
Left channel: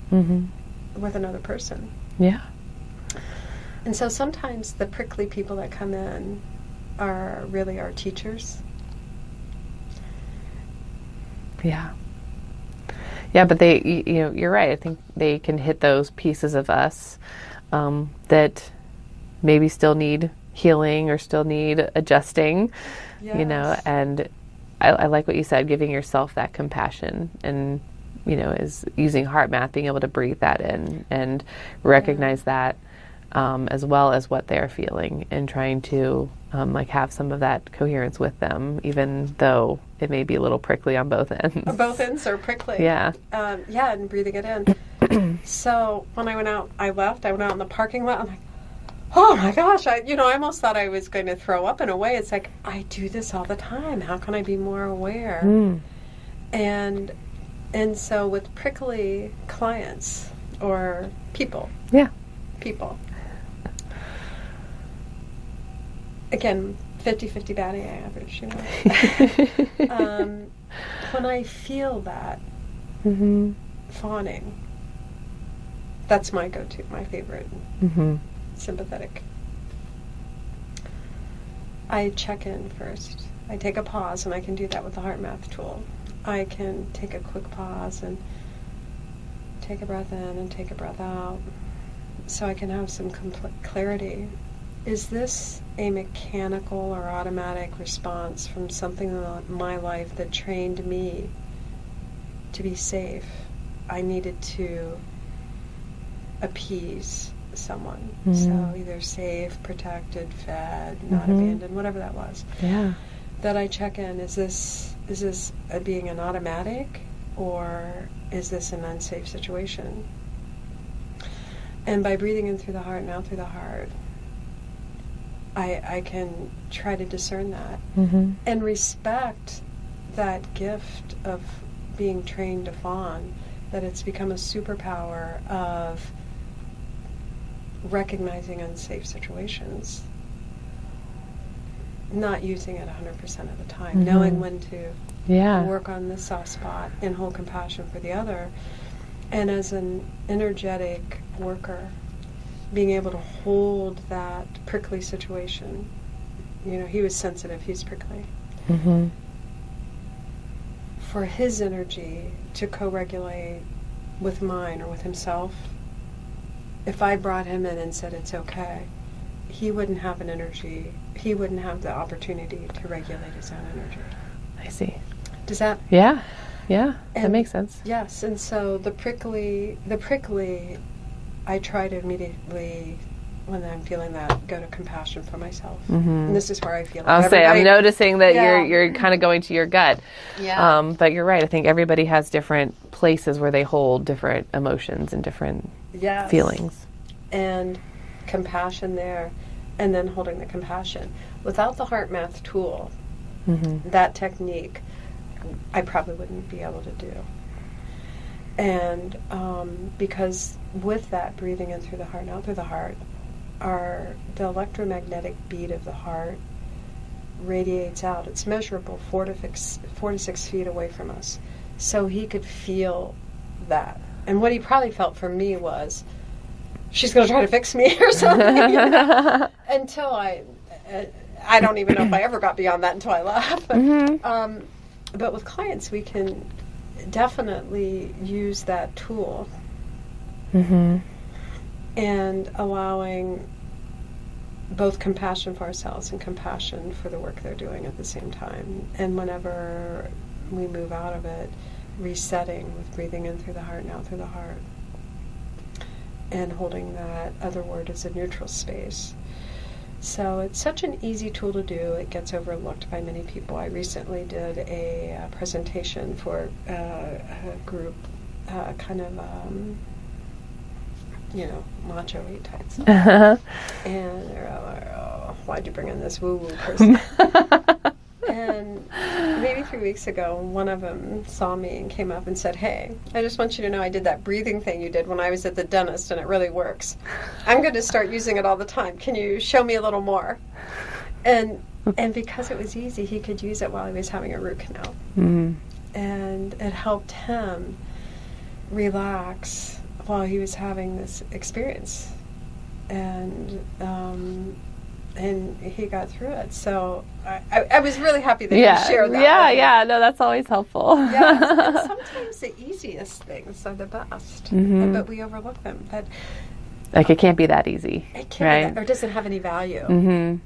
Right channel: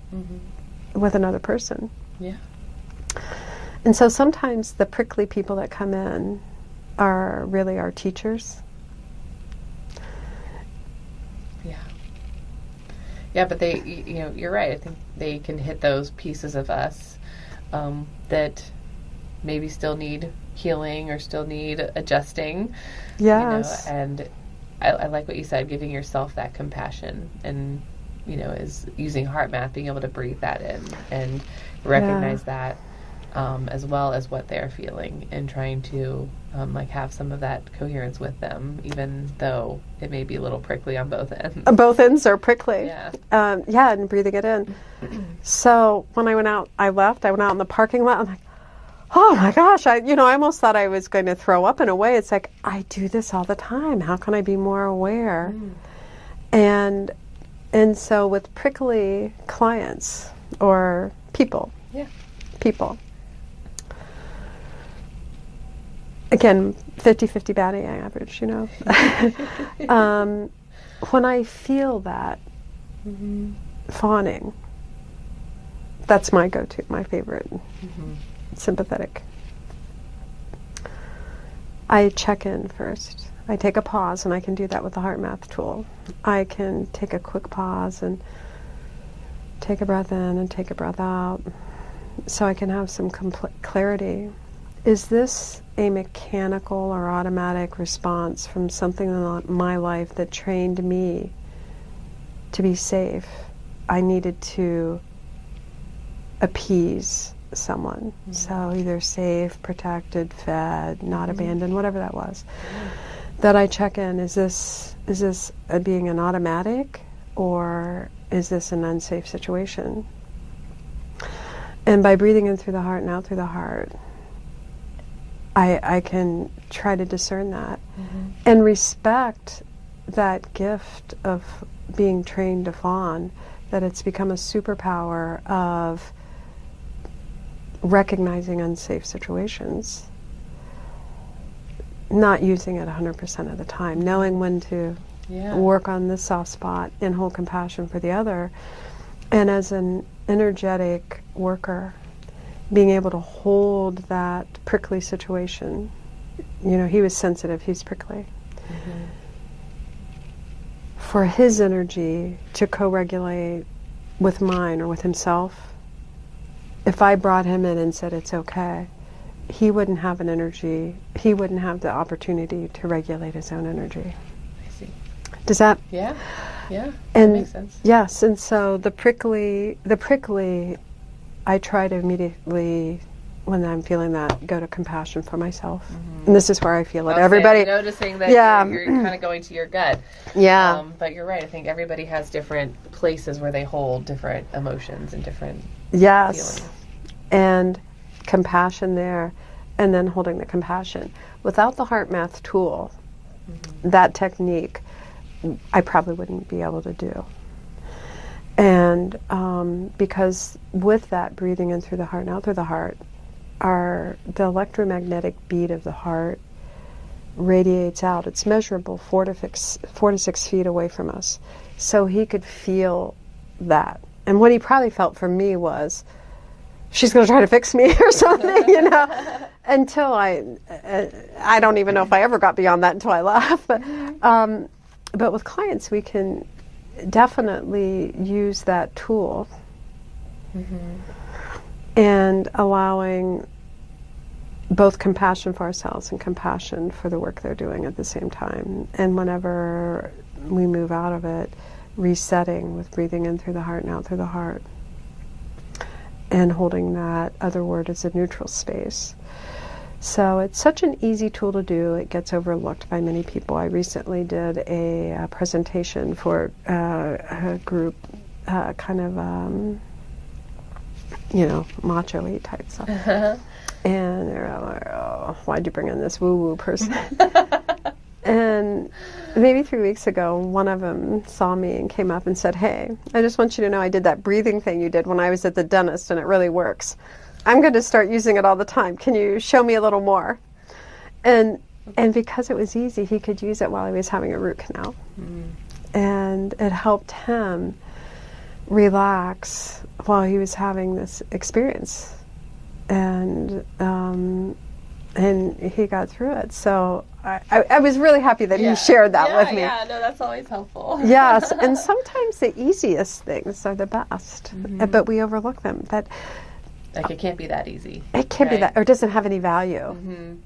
with another person. Yeah. And so sometimes the prickly people that come in are really our teachers. Yeah. Yeah, but you're right. I think they can hit those pieces of us that maybe still need healing or still need adjusting. Yes. And I like what you said, giving yourself that compassion, and is using HeartMath, being able to breathe that in and recognize that, as well as what they're feeling, and trying to have some of that coherence with them, even though it may be a little prickly on both ends. Both ends are prickly. Yeah. And breathing it in. So when I went out in the parking lot. I'm like, oh my gosh, I almost thought I was going to throw up in a way. It's like, I do this all the time. How can I be more aware? And so with prickly clients or people. Yeah. People. Again, 50-50 batting average, when I feel that fawning, that's my go-to, my favorite. Sympathetic. I check in first. I take a pause, and I can do that with the HeartMath tool. I can take a quick pause and take a breath in and take a breath out, so I can have some clarity. Is this a mechanical or automatic response from something in my life that trained me to be safe? I needed to appease someone. So either safe, protected, fed, not abandoned, whatever that was. Yeah. That I check in, is this being an automatic, or is this an unsafe situation? And by breathing in through the heart and out through the heart, I can try to discern that and respect that gift of being trained to fawn, that it's become a superpower of recognizing unsafe situations, not using it 100% of the time, knowing when to work on this soft spot and hold compassion for the other. And as an energetic worker, being able to hold that prickly situation, he was sensitive, he's prickly. For his energy to co-regulate with mine or with himself, if I brought him in and said it's okay, he wouldn't have an energy, he wouldn't have the opportunity to regulate his own energy. I see. Does that? Yeah, that makes sense. Yes, and so the prickly, I try to immediately, when I'm feeling that, go to compassion for myself. And this is where I feel it. I'm noticing that you're kind of going to your gut. Yeah. But you're right. I think everybody has different places where they hold different emotions and different feelings. And compassion there, and then holding the compassion. Without the HeartMath tool, that technique, I probably wouldn't be able to do. And because with that breathing in through the heart and out through the heart, the electromagnetic beat of the heart radiates out. It's measurable 4 to 6 feet away from us. So he could feel that. And what he probably felt from me was, she's going to try to fix me or something, until I don't even know if I ever got beyond that until I left. But with clients, we can definitely use that tool and allowing both compassion for ourselves and compassion for the work they're doing at the same time. And whenever we move out of it, resetting with breathing in through the heart and out through the heart, and holding that other word as a neutral space. So it's such an easy tool to do. It gets overlooked by many people. I recently did a presentation for a group, macho-y type stuff. And they're like, oh, why'd you bring in this woo-woo person? And maybe 3 weeks ago, one of them saw me and came up and said, hey, I just want you to know I did that breathing thing you did when I was at the dentist, and it really works. I'm going to start using it all the time. Can you show me a little more? And because it was easy, he could use it while he was having a root canal. And it helped him relax while he was having this experience. And And he got through it. So I was really happy that he shared that with me. Yeah, no, that's always helpful. Yes, and sometimes the easiest things are the best, but we overlook them. Like it can't be that easy. It can't be that, or doesn't have any value. Mm-hmm.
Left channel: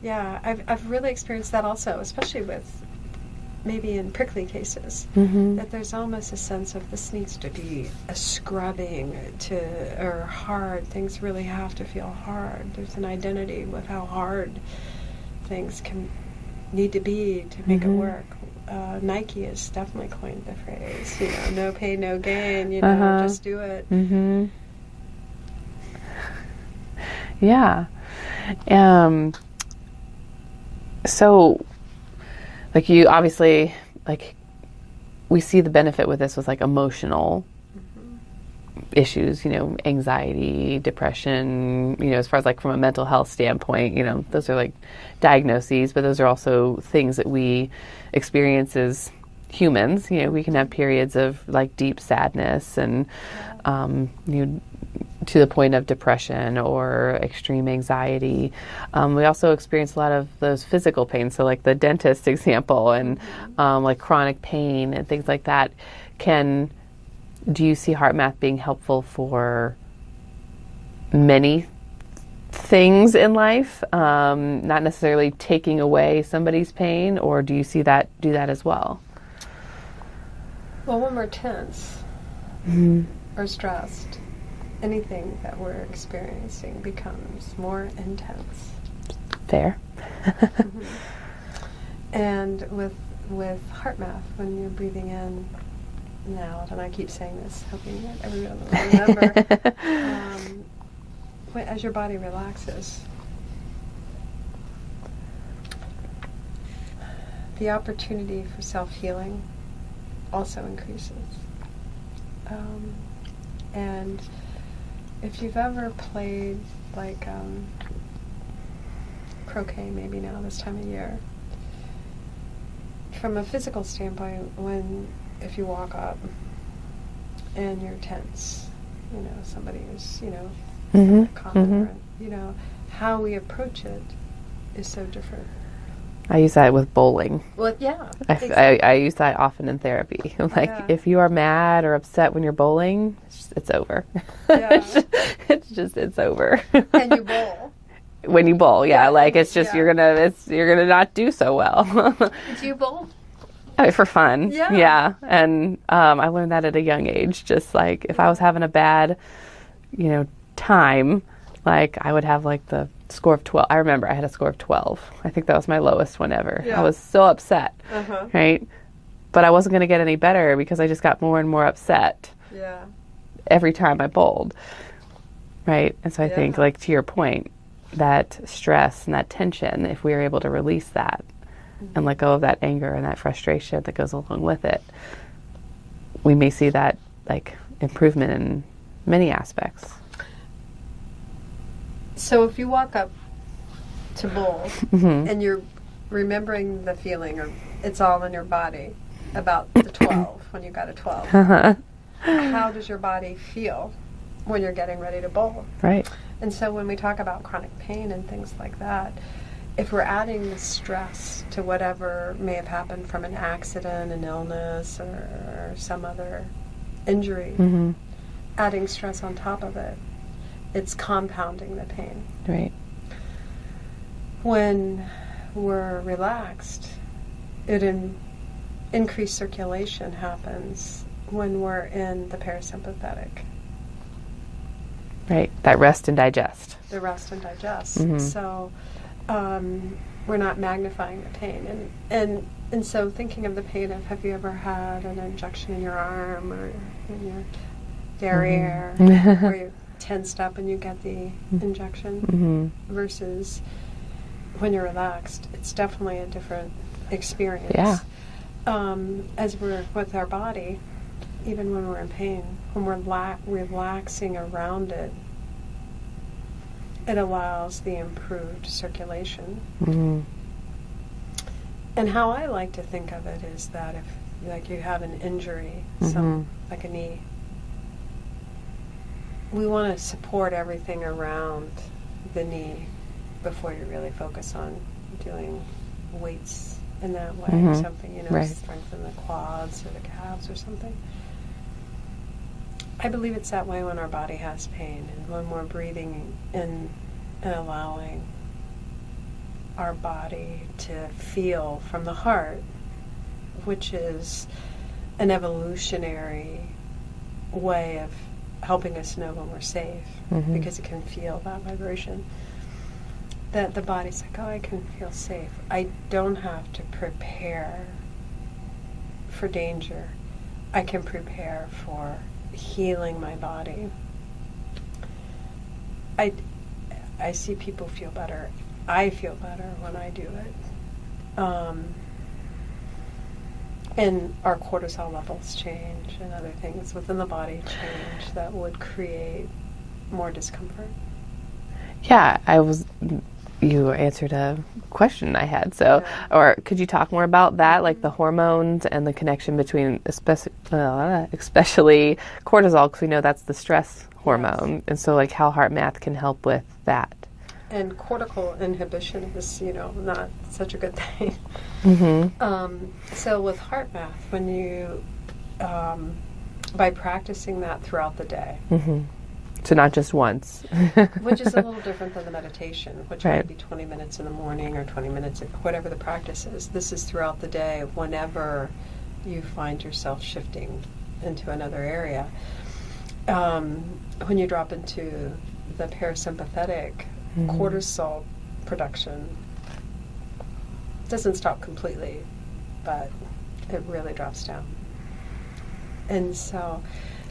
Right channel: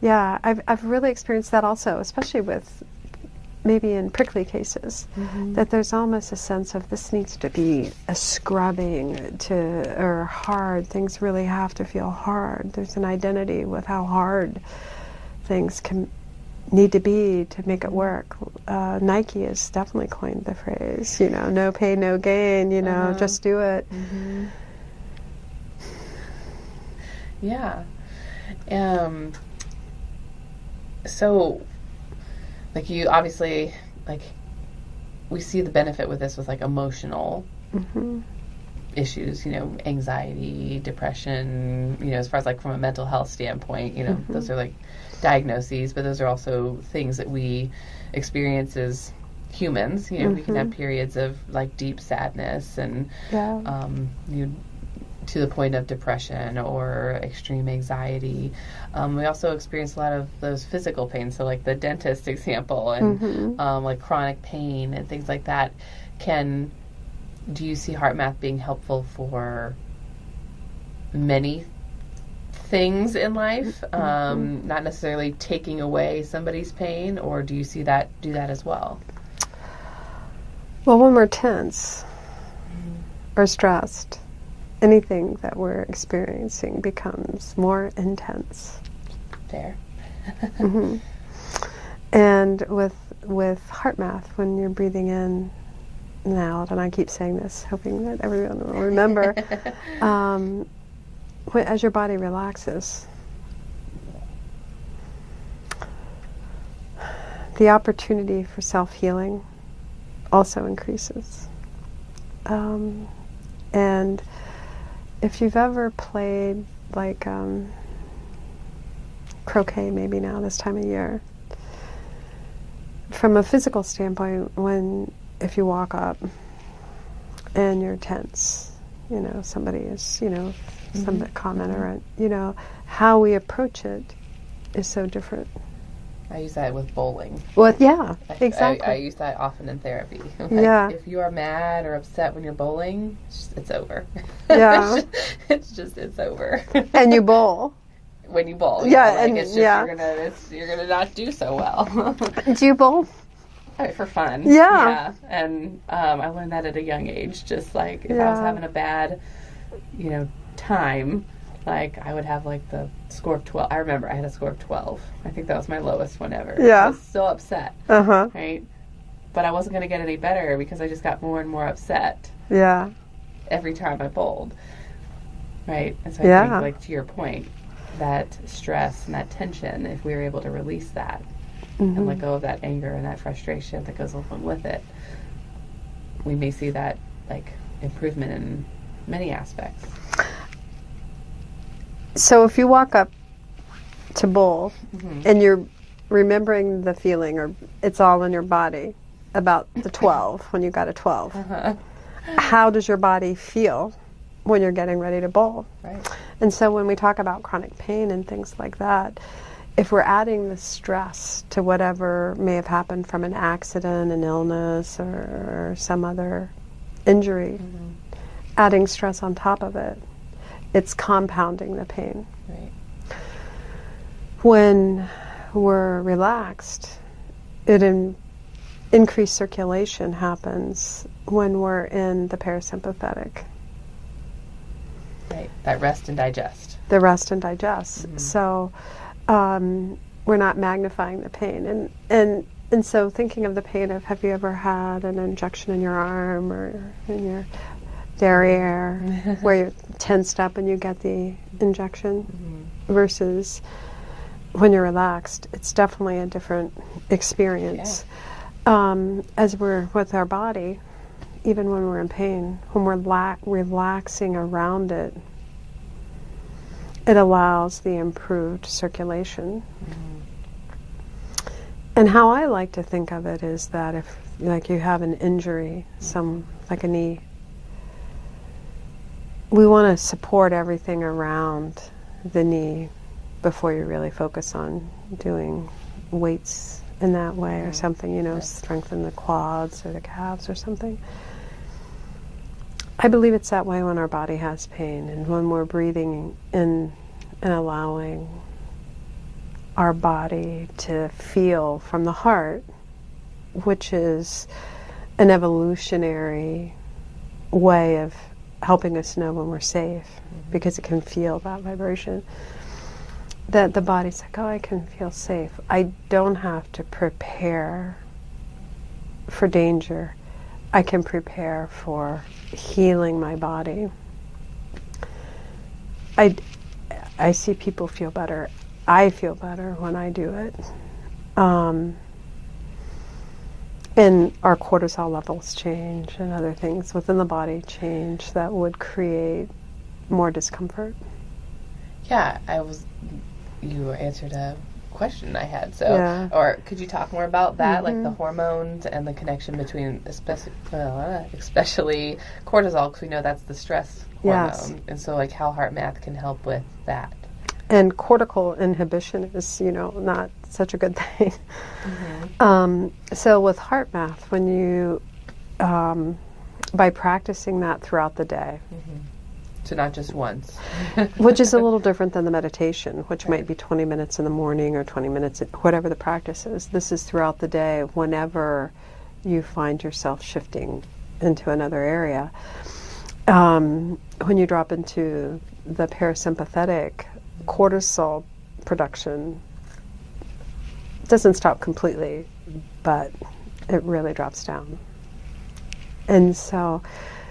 Yeah, I've really experienced that also, especially with maybe in prickly cases, that there's almost a sense of this needs to be a scrubbing or hard. Things really have to feel hard. There's an identity with how hard things can need to be to make it work. Nike has definitely coined the phrase, no pain, no gain, just do it. Mm-hmm. Yeah. So, like you obviously, like we see the benefit with this with like emotional issues, anxiety, depression, as far as like from a mental health standpoint, those are like diagnoses, but those are also things that we experience as humans. We can have periods of like deep sadness and, to the point of depression or extreme anxiety. We also experience a lot of those physical pains. So like the dentist example and like chronic pain and things like that. Do you see HeartMath being helpful for many things in life? Not necessarily taking away somebody's pain, or do you see that do that as well? Well, when we're tense or stressed, anything that we're experiencing becomes more intense. Fair. And with HeartMath, when you're breathing in and out, and I keep saying this, hoping that everyone will remember, as your body relaxes, the opportunity for self-healing also increases. And if you've ever played like croquet, maybe now this time of year, from a physical standpoint, if you walk up and you're tense, somebody is, some comment or how we approach it is so different. I use that with bowling. Well, yeah, exactly. I use that often in therapy. If you are mad or upset when you're bowling, it's over. Yeah. it's over. And you bowl. When you bowl, you're gonna not do so well. Do you bowl? For fun. Yeah. Yeah. And I learned that at a young age. Just like if I was having a bad, time, like I would have like the score of 12. I remember I had a score of 12. I think that was my lowest one ever. Yeah. I was so upset. Right? But I wasn't going to get any better because I just got more and more upset. Yeah. Every time I bowled. Right? And so I think, like to your point, that stress and that tension, if we are able to release that and let go of that anger and that frustration that goes along with it, we may see that like improvement in many aspects. So if you walk up to bowl and you're remembering the feeling, or it's all in your body, about the 12, when you got a 12, how does your body feel when you're getting ready to bowl? Right. And so when we talk about chronic pain and things like that, if we're adding the stress to whatever may have happened from an accident, an illness, or some other injury, adding stress on top of it, it's compounding the pain. Right. When we're relaxed, increased circulation happens when we're in the parasympathetic. Right. That rest and digest. The rest and digest. So we're not magnifying the pain. And so thinking of the pain of, have you ever had an injection in your arm or in your derriere where you're tensed up and you get the injection versus when you're relaxed? It's definitely a different experience. As we're with our body, even when we're in pain, when we're relaxing around it, it allows the improved circulation. And how I like to think of it is that if, like, you have an injury, like a knee, we want to support everything around the knee before you really focus on doing weights in that way or something, Right. strengthen the quads or the calves or something. I believe it's that way when our body has pain and when we're breathing in and allowing our body to feel from the heart, which is an evolutionary way of helping us know when we're safe, because it can feel that vibration. That the body's like, oh, I can feel safe. I don't have to prepare for danger. I can prepare for healing my body. I see people feel better. I feel better when I do it. And our cortisol levels change and other things within the body change that would create more discomfort. Yeah, you answered a question I had. So, Yeah. or could you talk more about that, like the hormones and the connection between, especially cortisol, because we know that's the stress hormone, Yes. and so like how HeartMath can help with that. And cortical inhibition is, not such a good thing. So with HeartMath, when you, by practicing that throughout the day, So not just once. which is a little different than the meditation, which Right. might be 20 minutes in the morning or 20 minutes, whatever the practice is. This is throughout the day whenever you find yourself shifting into another area. When you drop into the parasympathetic, cortisol production doesn't stop completely, but it really drops down. And so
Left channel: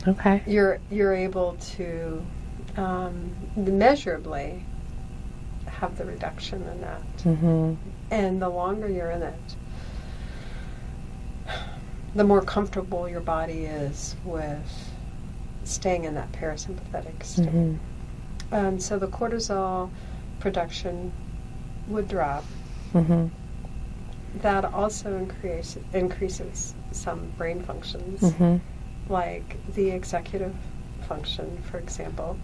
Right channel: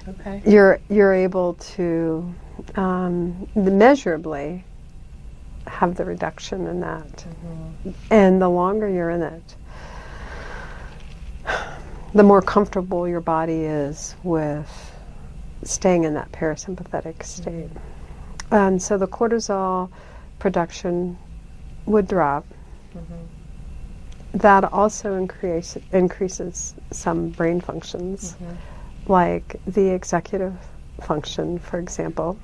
Okay. you're able to measurably have the reduction in that. And the longer you're in it, the more comfortable your body is with staying in that parasympathetic state. And so the cortisol production would drop. That also increases some brain functions, like the executive function, for example,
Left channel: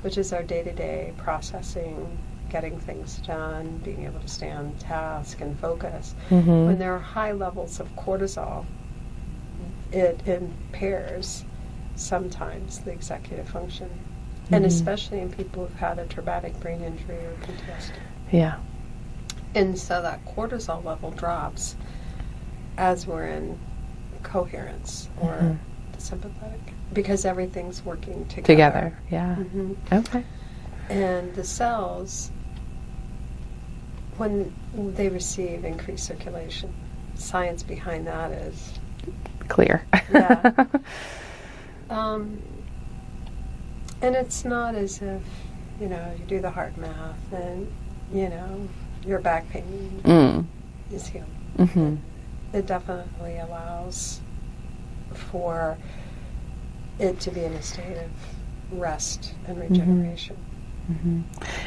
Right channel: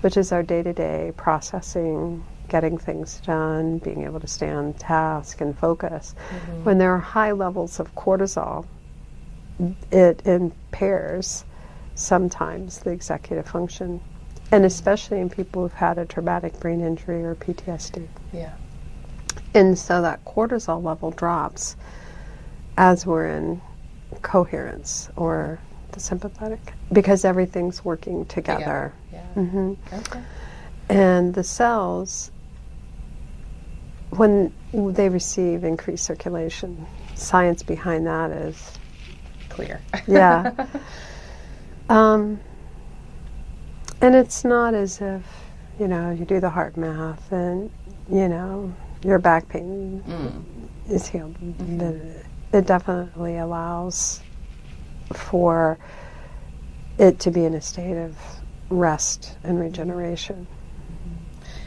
which is our day-to-day processing, getting things done, being able to stay on task and focus. When there are high levels of cortisol, it impairs sometimes the executive function, and especially in people who've had a traumatic brain injury or PTSD. Yeah. And so that cortisol level drops as we're in coherence or the sympathetic, because everything's working together. Yeah. Okay. And the cells, when they receive increased circulation, science behind that is Clear. yeah. And it's not as if, you do the HeartMath and, your back pain is healed. It definitely allows for it to be in a state of rest and regeneration.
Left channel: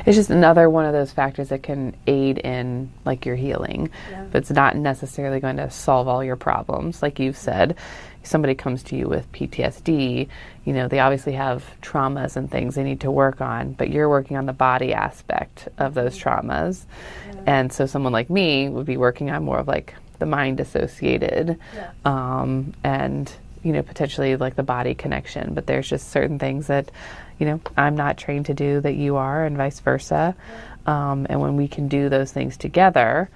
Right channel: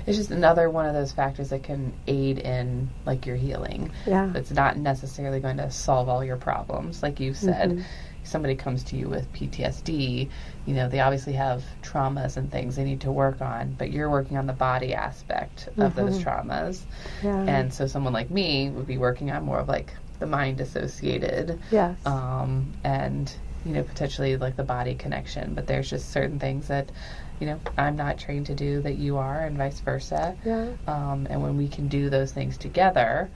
It's just another one of those factors that can aid in like your healing. Yeah. But it's not necessarily going to solve all your problems. Like you've said, somebody comes to you with PTSD, they obviously have traumas and things they need to work on, but you're working on the body aspect of those traumas. Yeah. And so someone like me would be working on more of like the mind associated, Yes. and potentially like the body connection. But there's just certain things that I'm not trained to do that you are, and vice versa. Yeah. And when we can do those things together,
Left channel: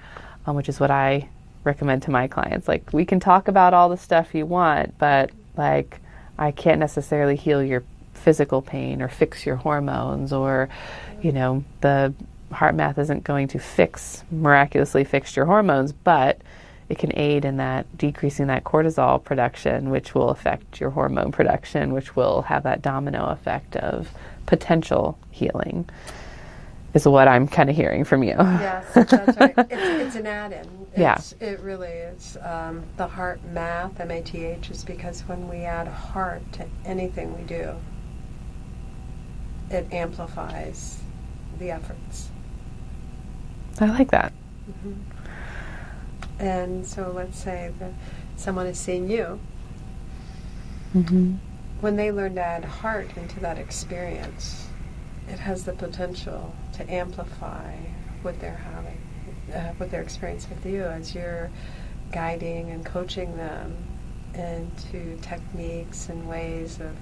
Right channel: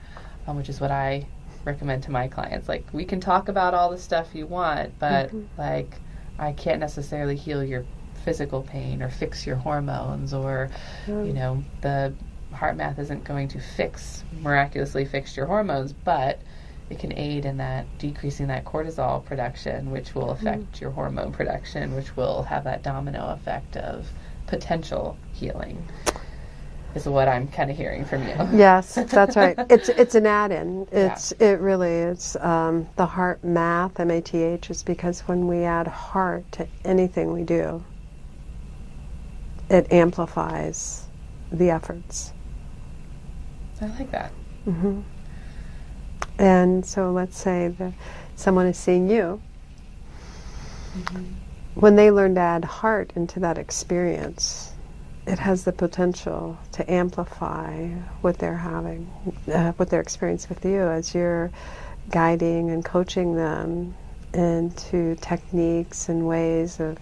which is what I recommend to my clients, like we can talk about all the stuff you want, but like I can't necessarily heal your physical pain or fix your hormones, or the HeartMath isn't going to miraculously fix your hormones, but it can aid in that decreasing that cortisol production, which will affect your hormone production, which will have that domino effect of potential healing, is what I'm kind of hearing from you. Yes, that's right. It's an add-in. Yeah. It really is. The HeartMath, M-A-T-H, is because when we add heart to anything we do, it amplifies the efforts. I like that. And so let's say that someone is seeing you. When they learn to add heart into that experience, it has the potential to amplify what they're having, what they're experiencing with you as you're guiding and coaching them into techniques and ways of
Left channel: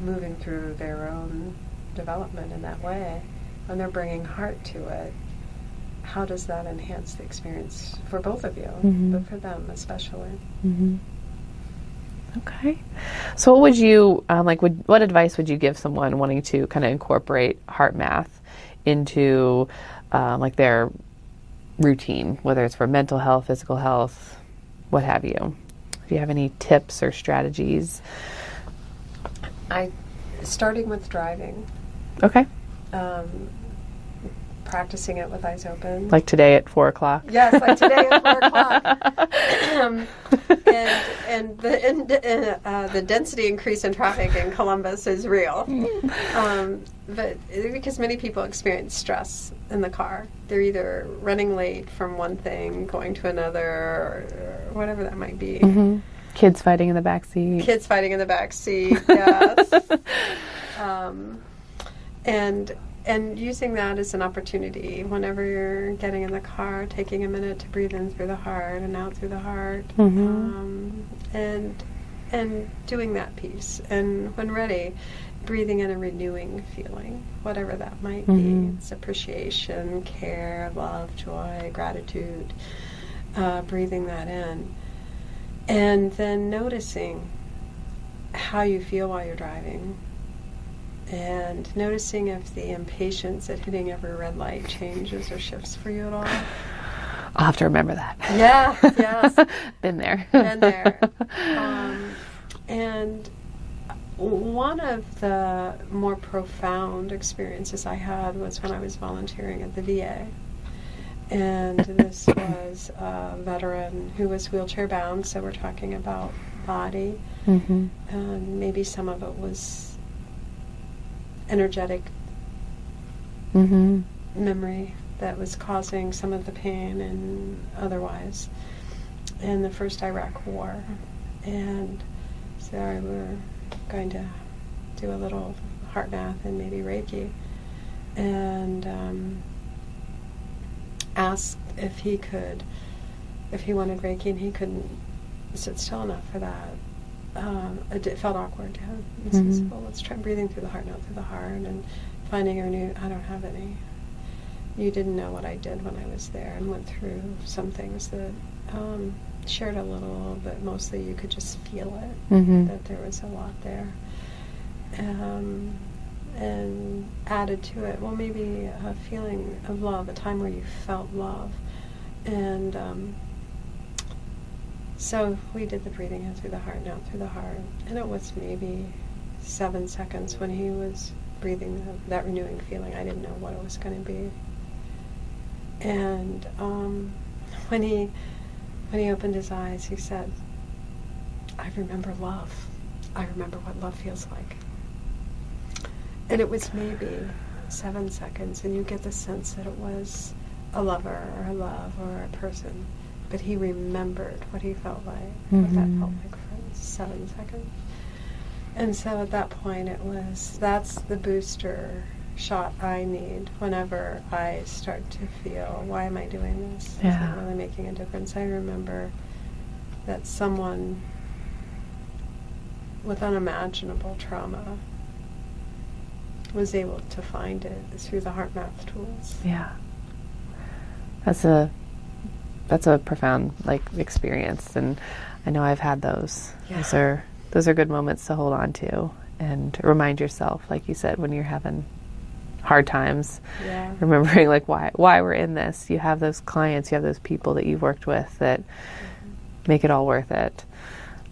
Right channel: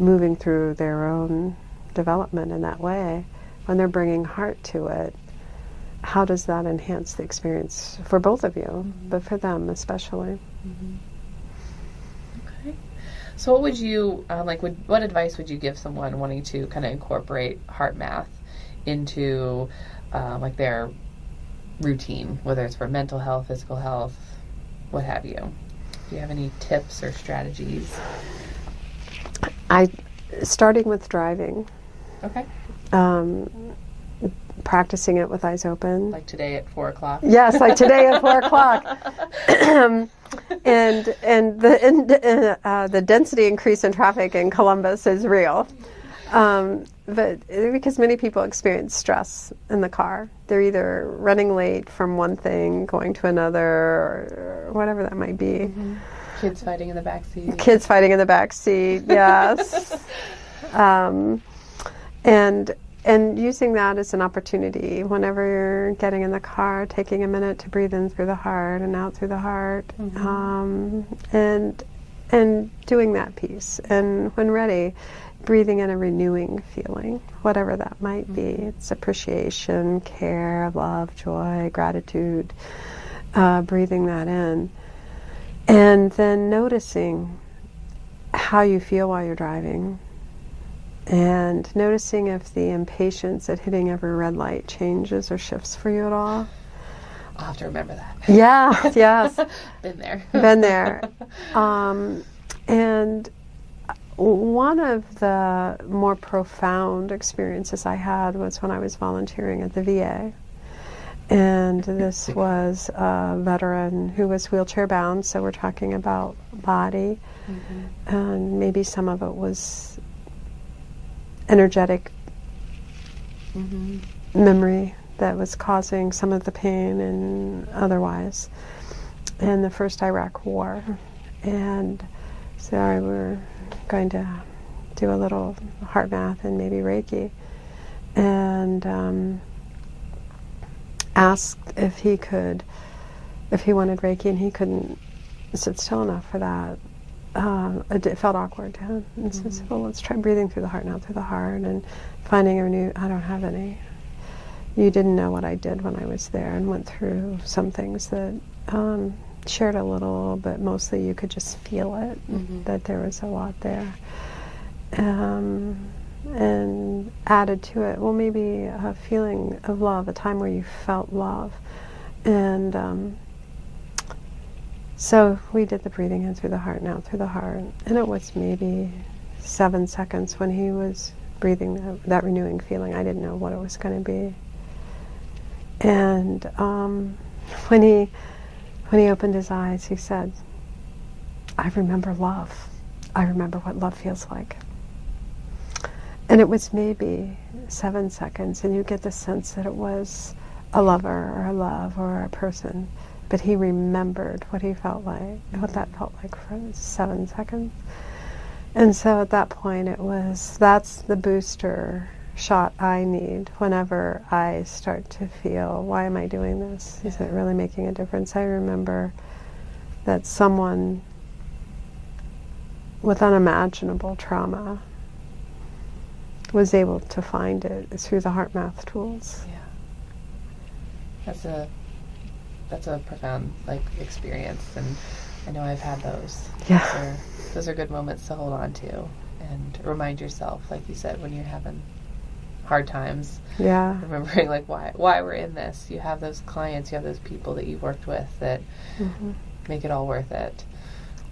moving through their own development in that way. When they're bringing heart to it, how does that enhance the experience for both of you, but for them especially? Okay. So what would you, what advice would you give someone wanting to kind of incorporate HeartMath into their routine, whether it's for mental health, physical health, what have you? Do you have any tips or strategies? Starting with driving. Okay. Practicing it with eyes open. Like today at 4 o'clock? Yes, like today at 4 o'clock. and the density increase in traffic in Columbus is real. But because many people experience stress in the car. They're either running late from one thing, going to another, or whatever that might be. Kids fighting in the back seat. Kids fighting in the back seat, yes. And using that as an opportunity, whenever you're getting in the car, taking a minute to breathe in through the heart and out through the heart, and doing that piece. And when ready, breathing in a renewing feeling, whatever that might be. It's appreciation, care, love, joy, gratitude, breathing that in. And then noticing how you feel while you're driving. And noticing if the impatience at hitting every red light changes or shifts for you at all. I'll have to remember that. Yeah, yes. Been there. Been there. And one of the more profound experiences I had was when I was volunteering at the VA. And this was a veteran who was wheelchair bound, so we're talking about body. And maybe some of it was energetic memory that was causing some of the pain and otherwise in the first Iraq War. And so we were going to do a little HeartMath and maybe Reiki, and asked if he wanted Reiki, and he couldn't sit still enough for that. It felt awkward to him. And so I said, well, let's try breathing through the heart and out through the heart, and finding I don't have any. You didn't know what I did when I was there, and went through some things that shared a little, but mostly you could just feel it, that there was a lot there. And added to it, well, maybe a feeling of love, a time where you felt love. And so we did the breathing in through the heart and out through the heart. And it was maybe 7 seconds when he was breathing that renewing feeling. I didn't know what it was going to be. And when he opened his eyes, he said, I remember love. I remember what love feels like. And it was maybe 7 seconds, and you get the sense that it was a lover or a love or a person. But he remembered what he felt like, what that felt like for 7 seconds. And so at that point that's the booster shot I need whenever I start to feel, why am I doing this? Is it really making a difference? I remember that someone with unimaginable trauma was able to find it through the HeartMath tools. Yeah. That's a profound experience, and I know I've had those. Yeah. Those are good moments to hold on to and remind yourself, like you said, when you're having hard times. Yeah. Remembering why we're in this. You have those clients, you have those people that you've worked with that make it all worth it.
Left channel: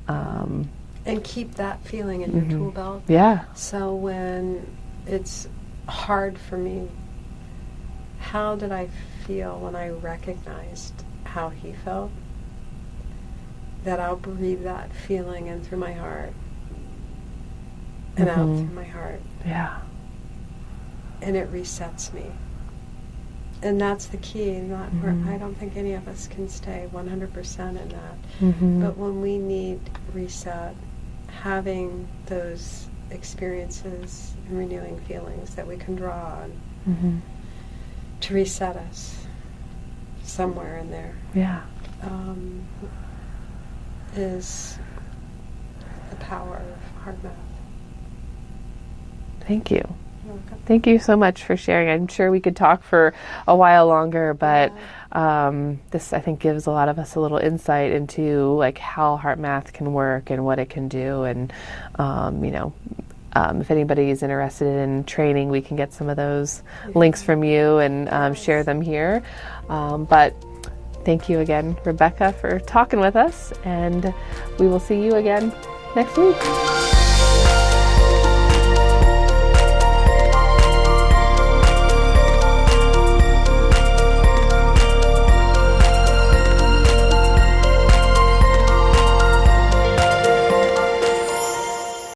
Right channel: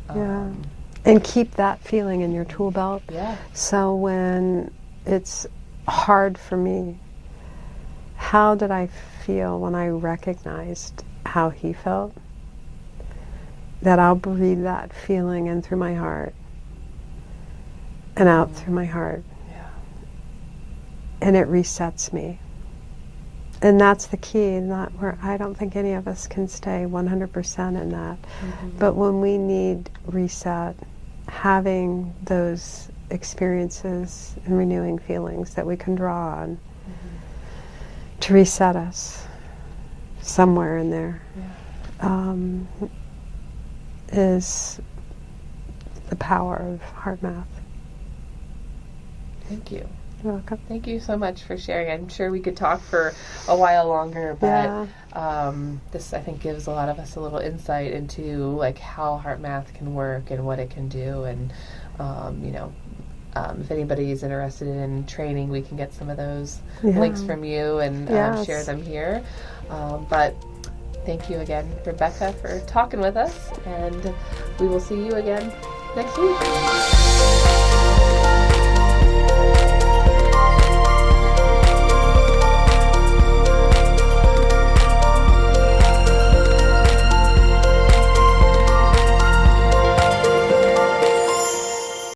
And keep that feeling in your tool belt. Yeah. So when it's hard for me, how did I feel when I recognized how he felt? That I'll breathe that feeling in through my heart and out through my heart. Yeah. And it resets me. And that's the key, not where I don't think any of us can stay 100% in that. But when we need reset, having those experiences and renewing feelings that we can draw on Mm-hmm. to reset us somewhere in there. Yeah. Is the power of HeartMath. Thank you. You're welcome. Thank you so much for sharing. I'm sure we could talk for a while longer, but this, I think, gives a lot of us a little insight into like how HeartMath can work and what it can do. And if anybody is interested in training, we can get some of those links from you and share them here. But thank you again, Rebecca, for talking with us, and we will see you again next week.